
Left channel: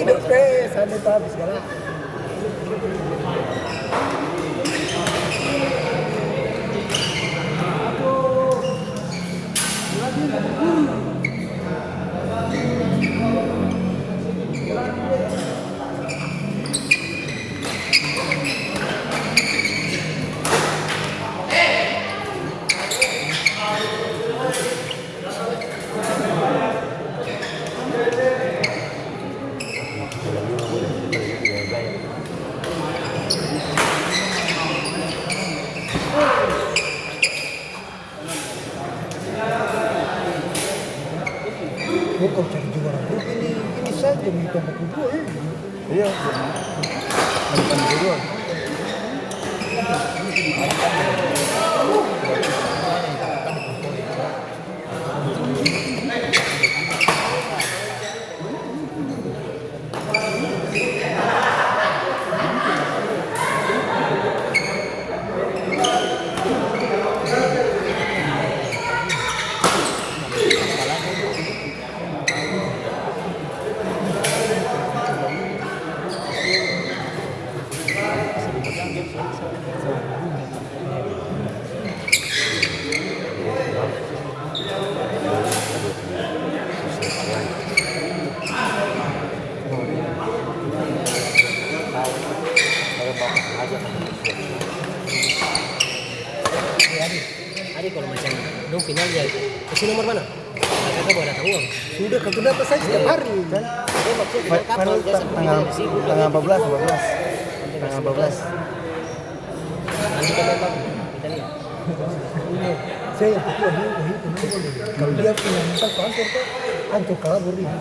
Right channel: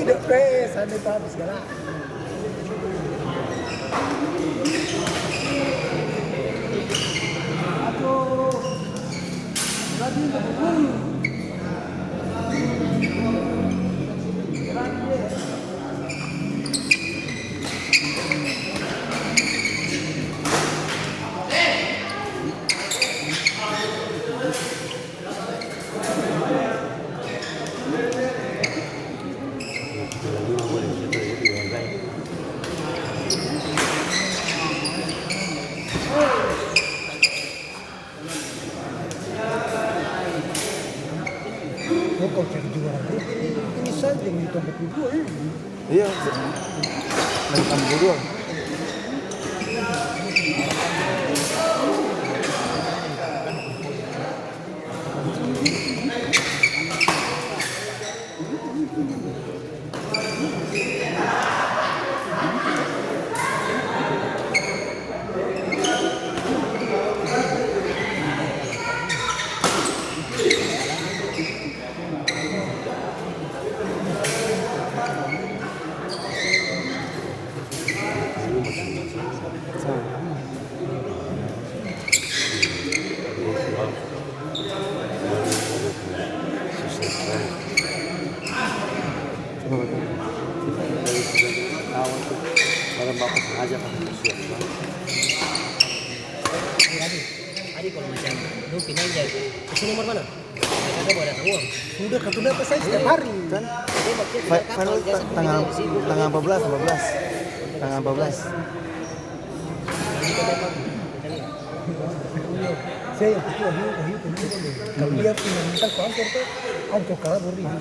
Dok, sana itu habis galak. Kau cari juara grup ini saja begitu 42 ya. Iya. Bukan dua. Hari kalau macam dong final ya, itu nomor mana? Kakak bawa datang uang. Sudah kartu data saya setiap hari kan. Dia maksudnya final kapan? Tanggal 14. Tanggal 14. Nanti kita apa? Kita lihat. Saya yang kedua dia kalau dia punya minta sponsor tuh hancur kabur dia.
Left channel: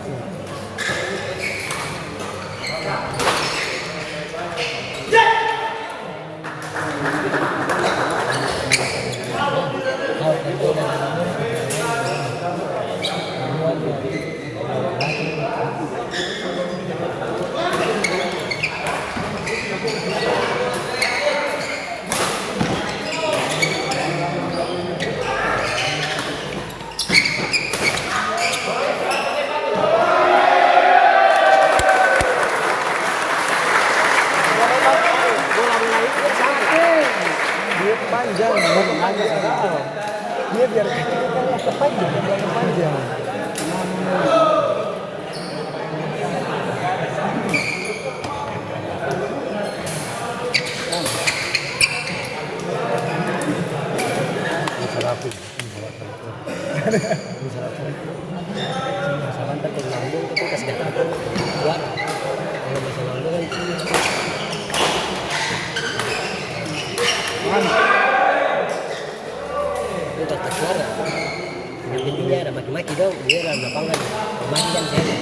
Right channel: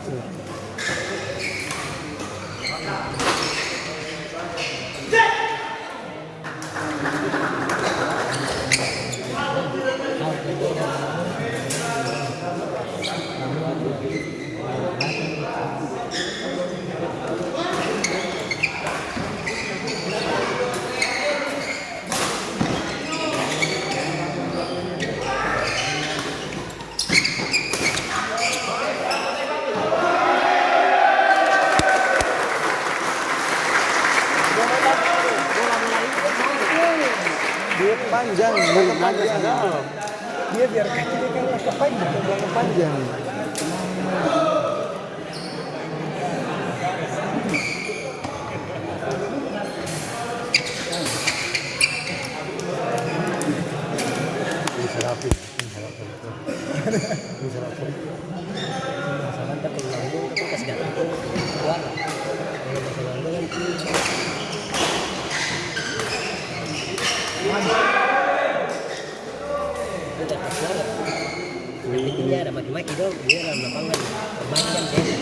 Dia panjang, belum lagi Dia biar kakinya kan agak panjang. panjang. Masalah ntar kalau lambung tapi kasih datang keluar. Kalau masalah lambung itu untuk tersuara. Nanti dia ada maki-maki dong, dia dalam lapangan maki kan saya.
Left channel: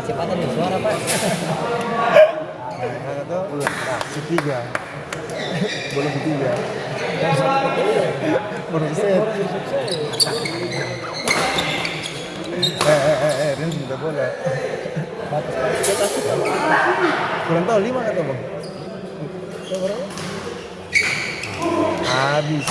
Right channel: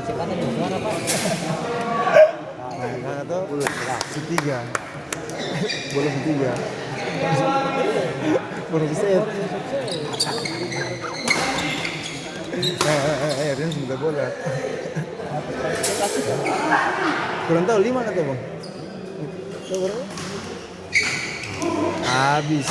Kecepatan dan suara pak. Si tiga, belum tiga. Baru Saya set. Rian minta bola. Kurang tahu 5 kata bang. Coba berapa? Habis.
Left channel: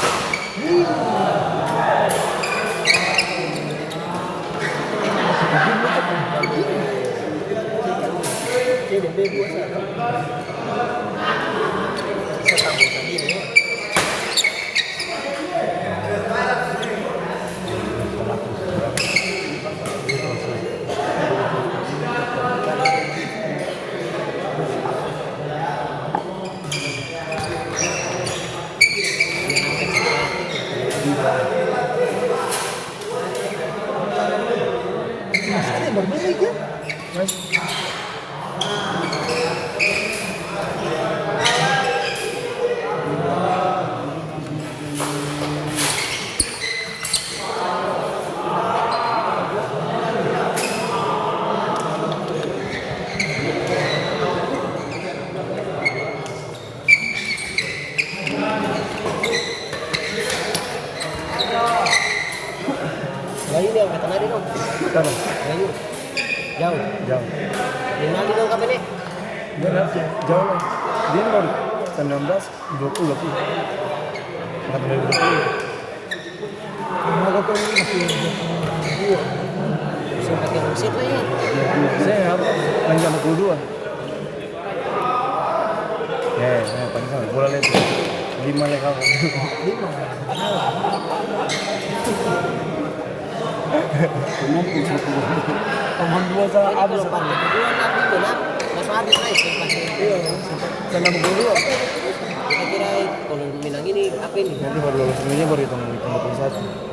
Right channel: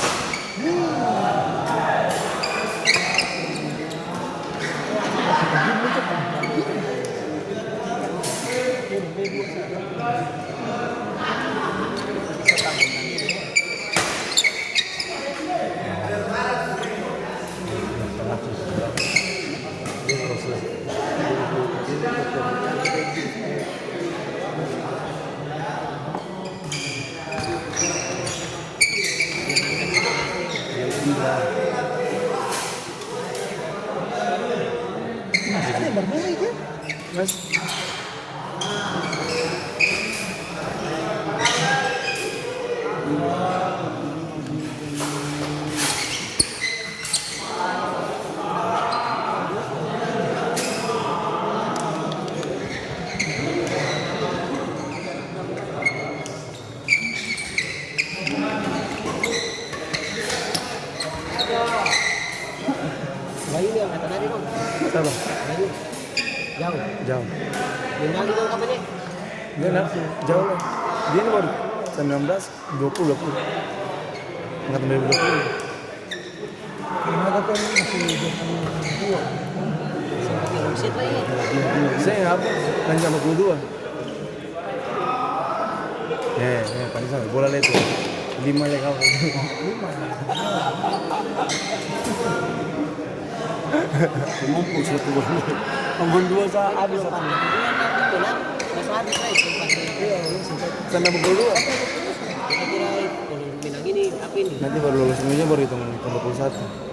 Masih ada yang bermain lagi ya? Gayu yang kata tadi dong. Sana. Gayu. Jauh. Jauh. Yang lagi dong kapan nih? Dia nanti jauh lah. Dia ini baru 19, 20. Nggak tahu 20. Karena aku kan masih 22. Sempat yang set lah ya. Saya apa? Yang 22. Paling sama bola itu 5 ya kawan. 5. Ambung 2 sama Ini habis kalau pakai kedua nanti bola langsung habis lah itu pakai. iya sama ambung 2 Kita kira kalau dibilang ini apa ini? nanti baru lulus semuanya baru hitung 51.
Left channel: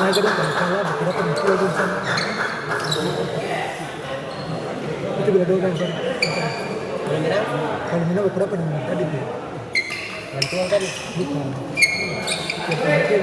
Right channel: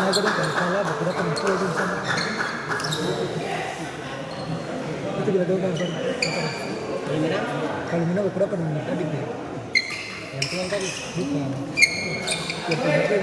Nah, kadang kalau kalah beberapa musuh aja sama. Itu bila doang kan. Kalau menang, Kalau minum beberapa nih tadi tuh. bantuan tadi. Bukan. Yang penting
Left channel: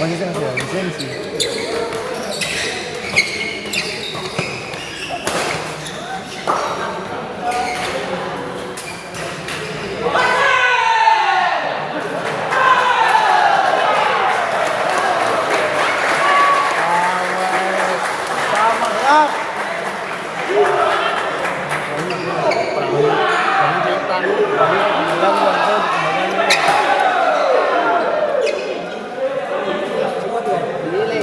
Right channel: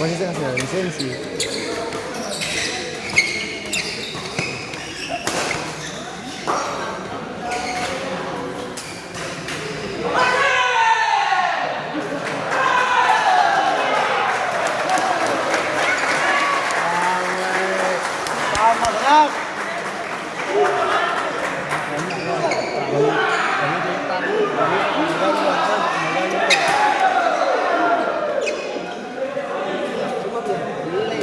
Posisi lisensi. Semua biar dinilai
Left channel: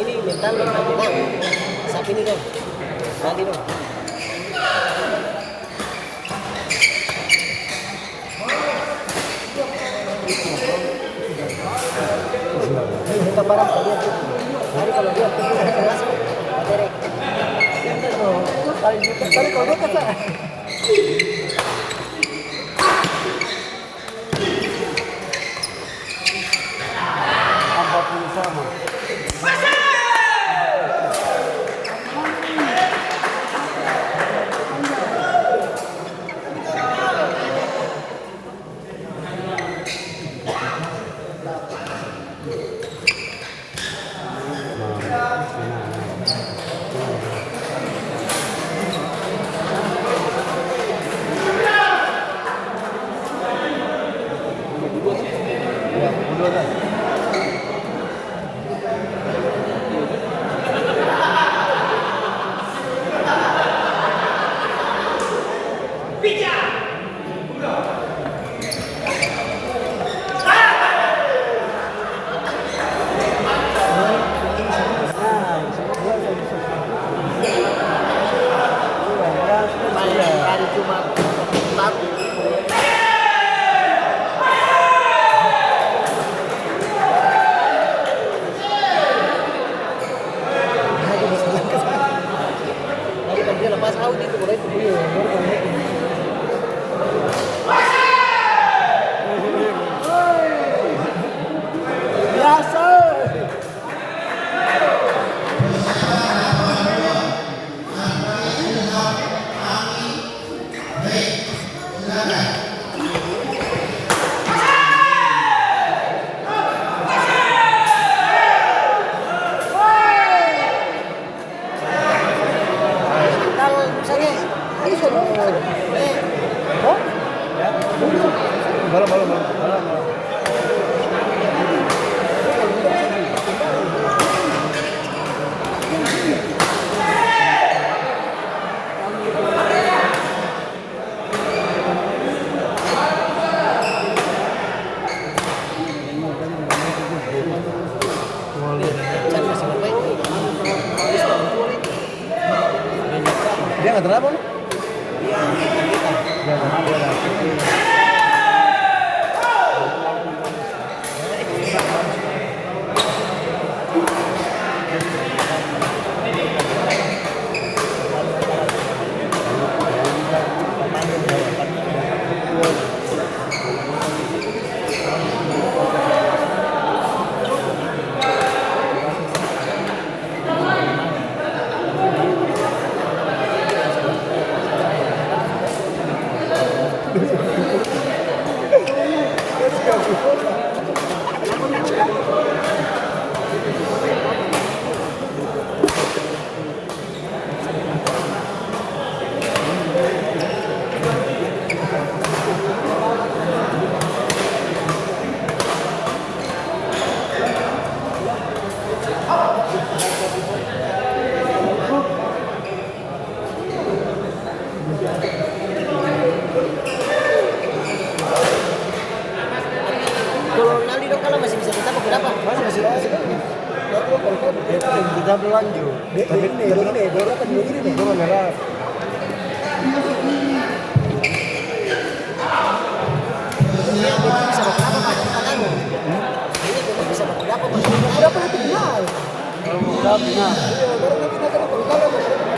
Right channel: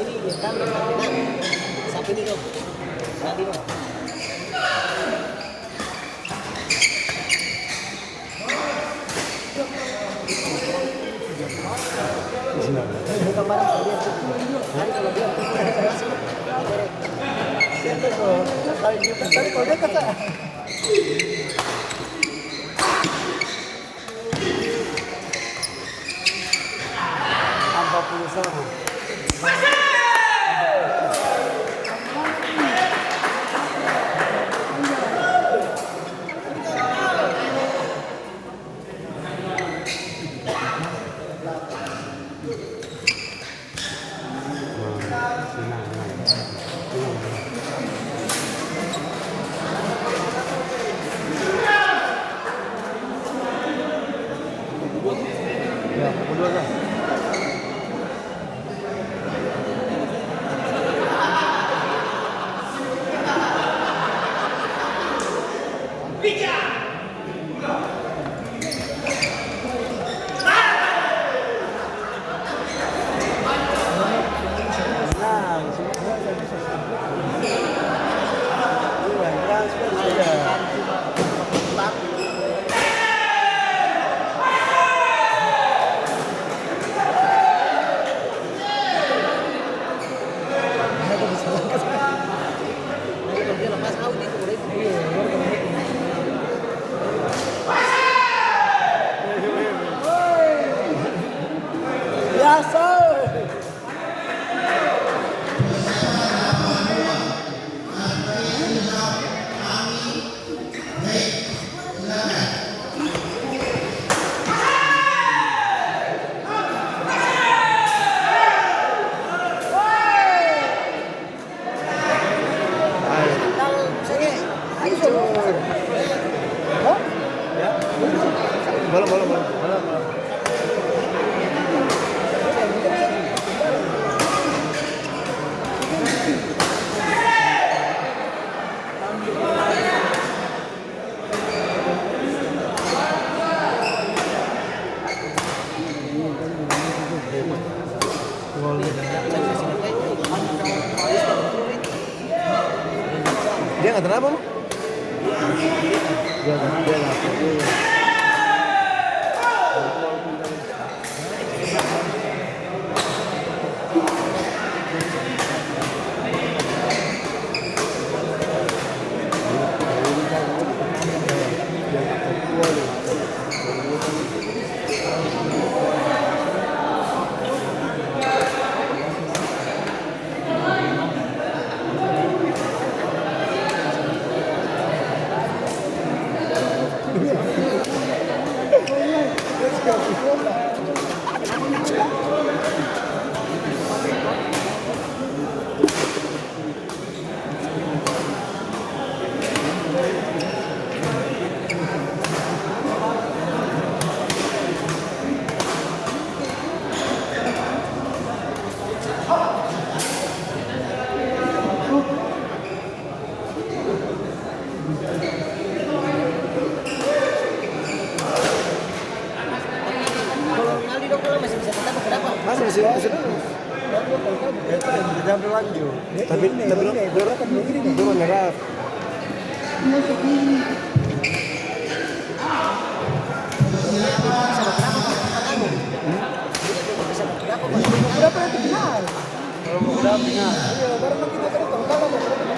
ini mental menang. Sapi ini kan. Mati dong. Kita barang kalau dia tuh. Nanti kalau dia tuh masuk. Tadi kalau dia kata dia nggak kenapa lu? Dia nggak bela. Tapi ini bola apa dulu gini nih? Bola merah. Berapa nanti final? Berapa final? Iya, berapa kita kalau kalah berapa?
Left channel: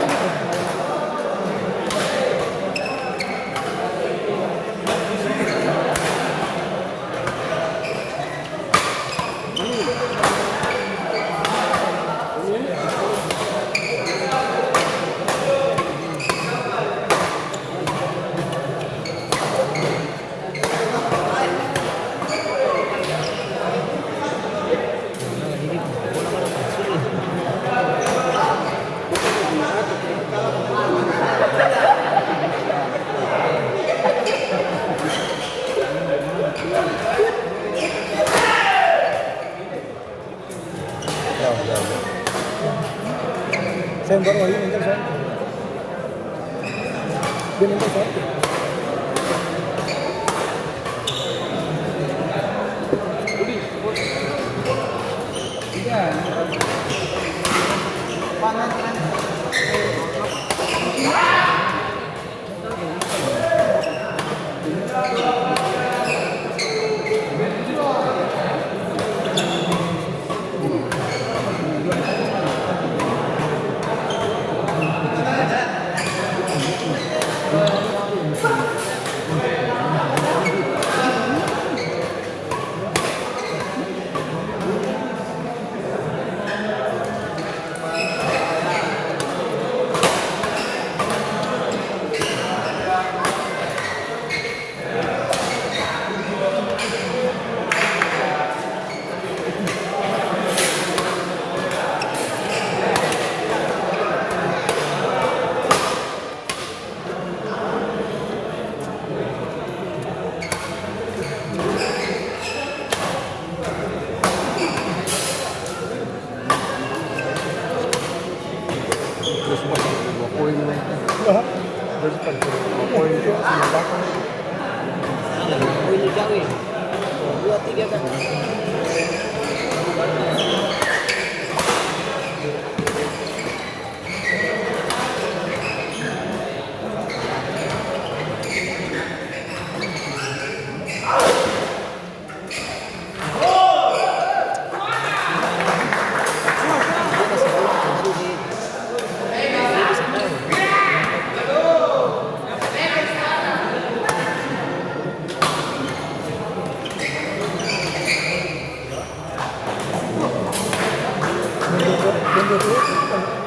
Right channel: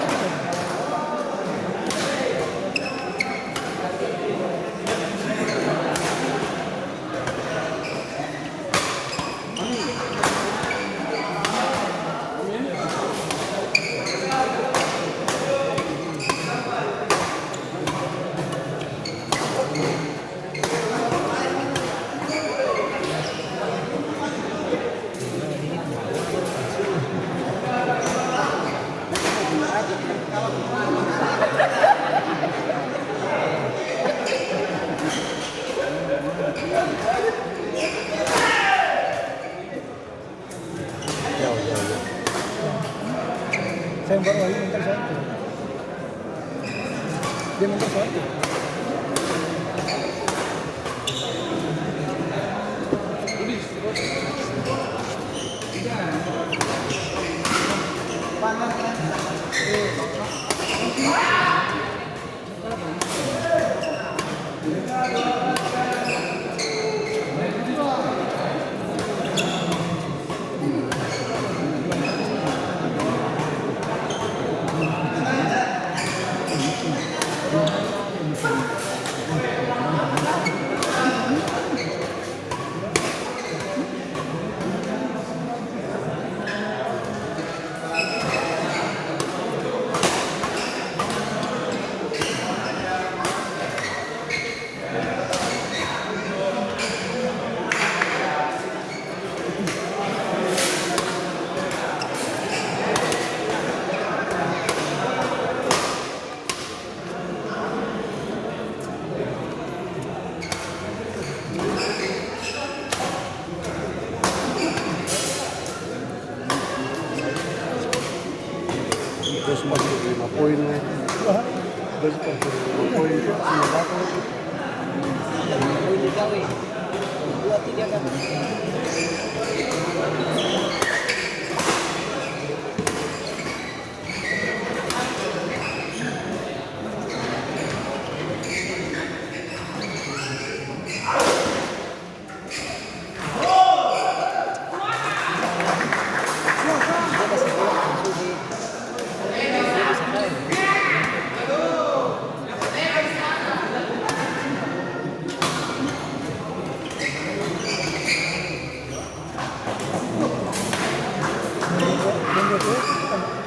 Saya baru Wahyu mental soalnya. Dia mental soalnya.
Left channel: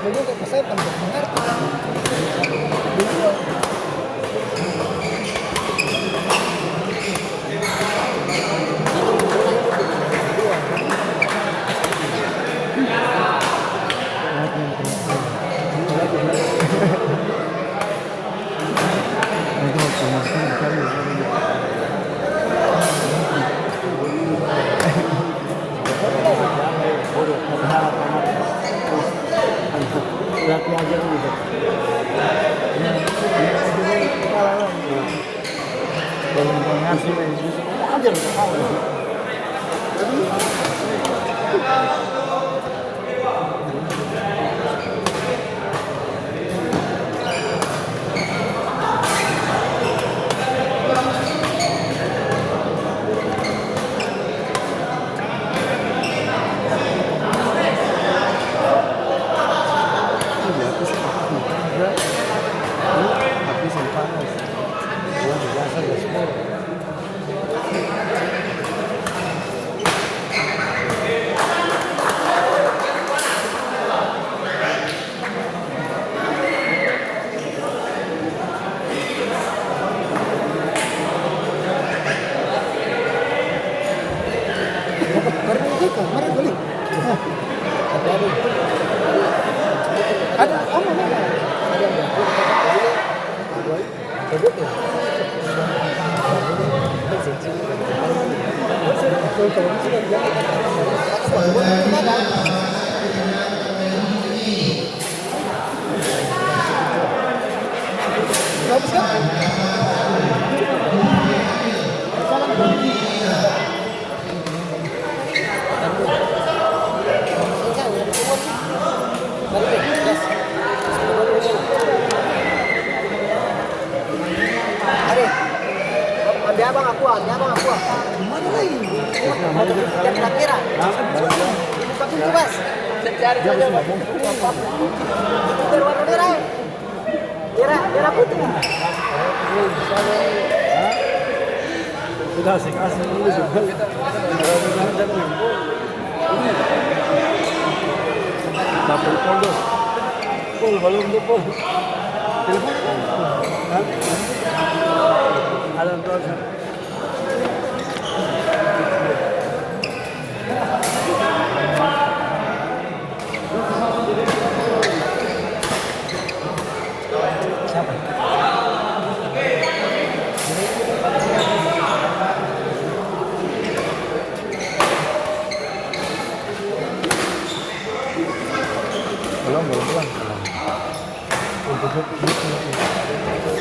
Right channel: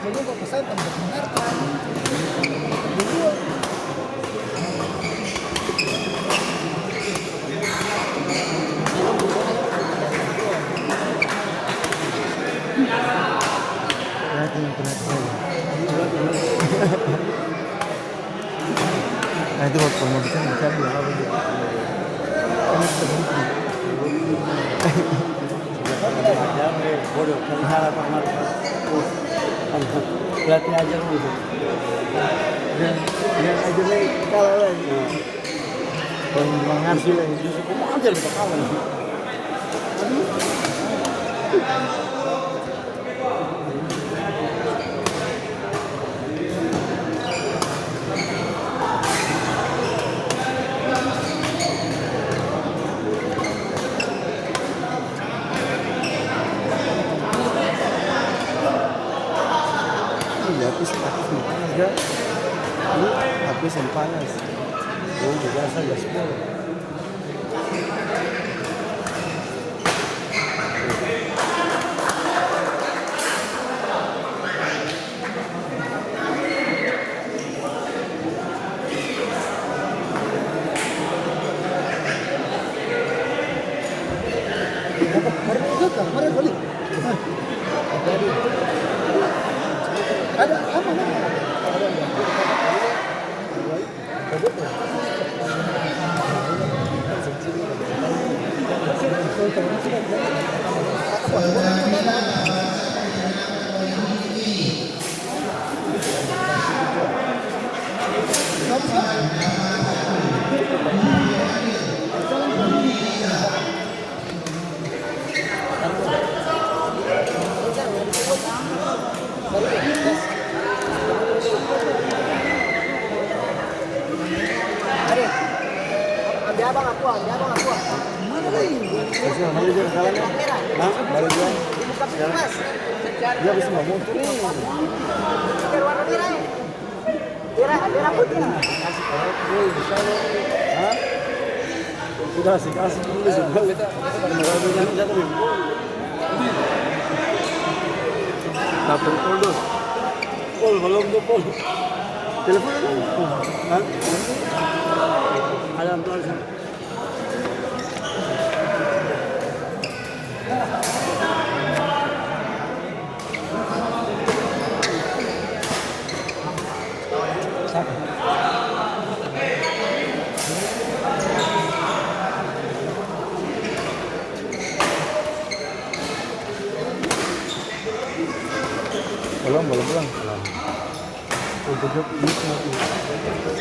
Beliau kok pasal tambah mengerti. Beliau Nanti mau promosikan dicari ya. Lihatnya aja gitu. Dan menghasil itu aja. Tapi panas. Dia biasa nggak sekolah. Karena itu kan, mana beli? Ada apa mana? Dia bang aku. Mana lagi? Yang kira-kira. Tapi luas. Warna merah. Merah putih. Sudah asik dulu juga kita. Dapat pol balon pol. Telepon. Ada tuh. Belum. gitu.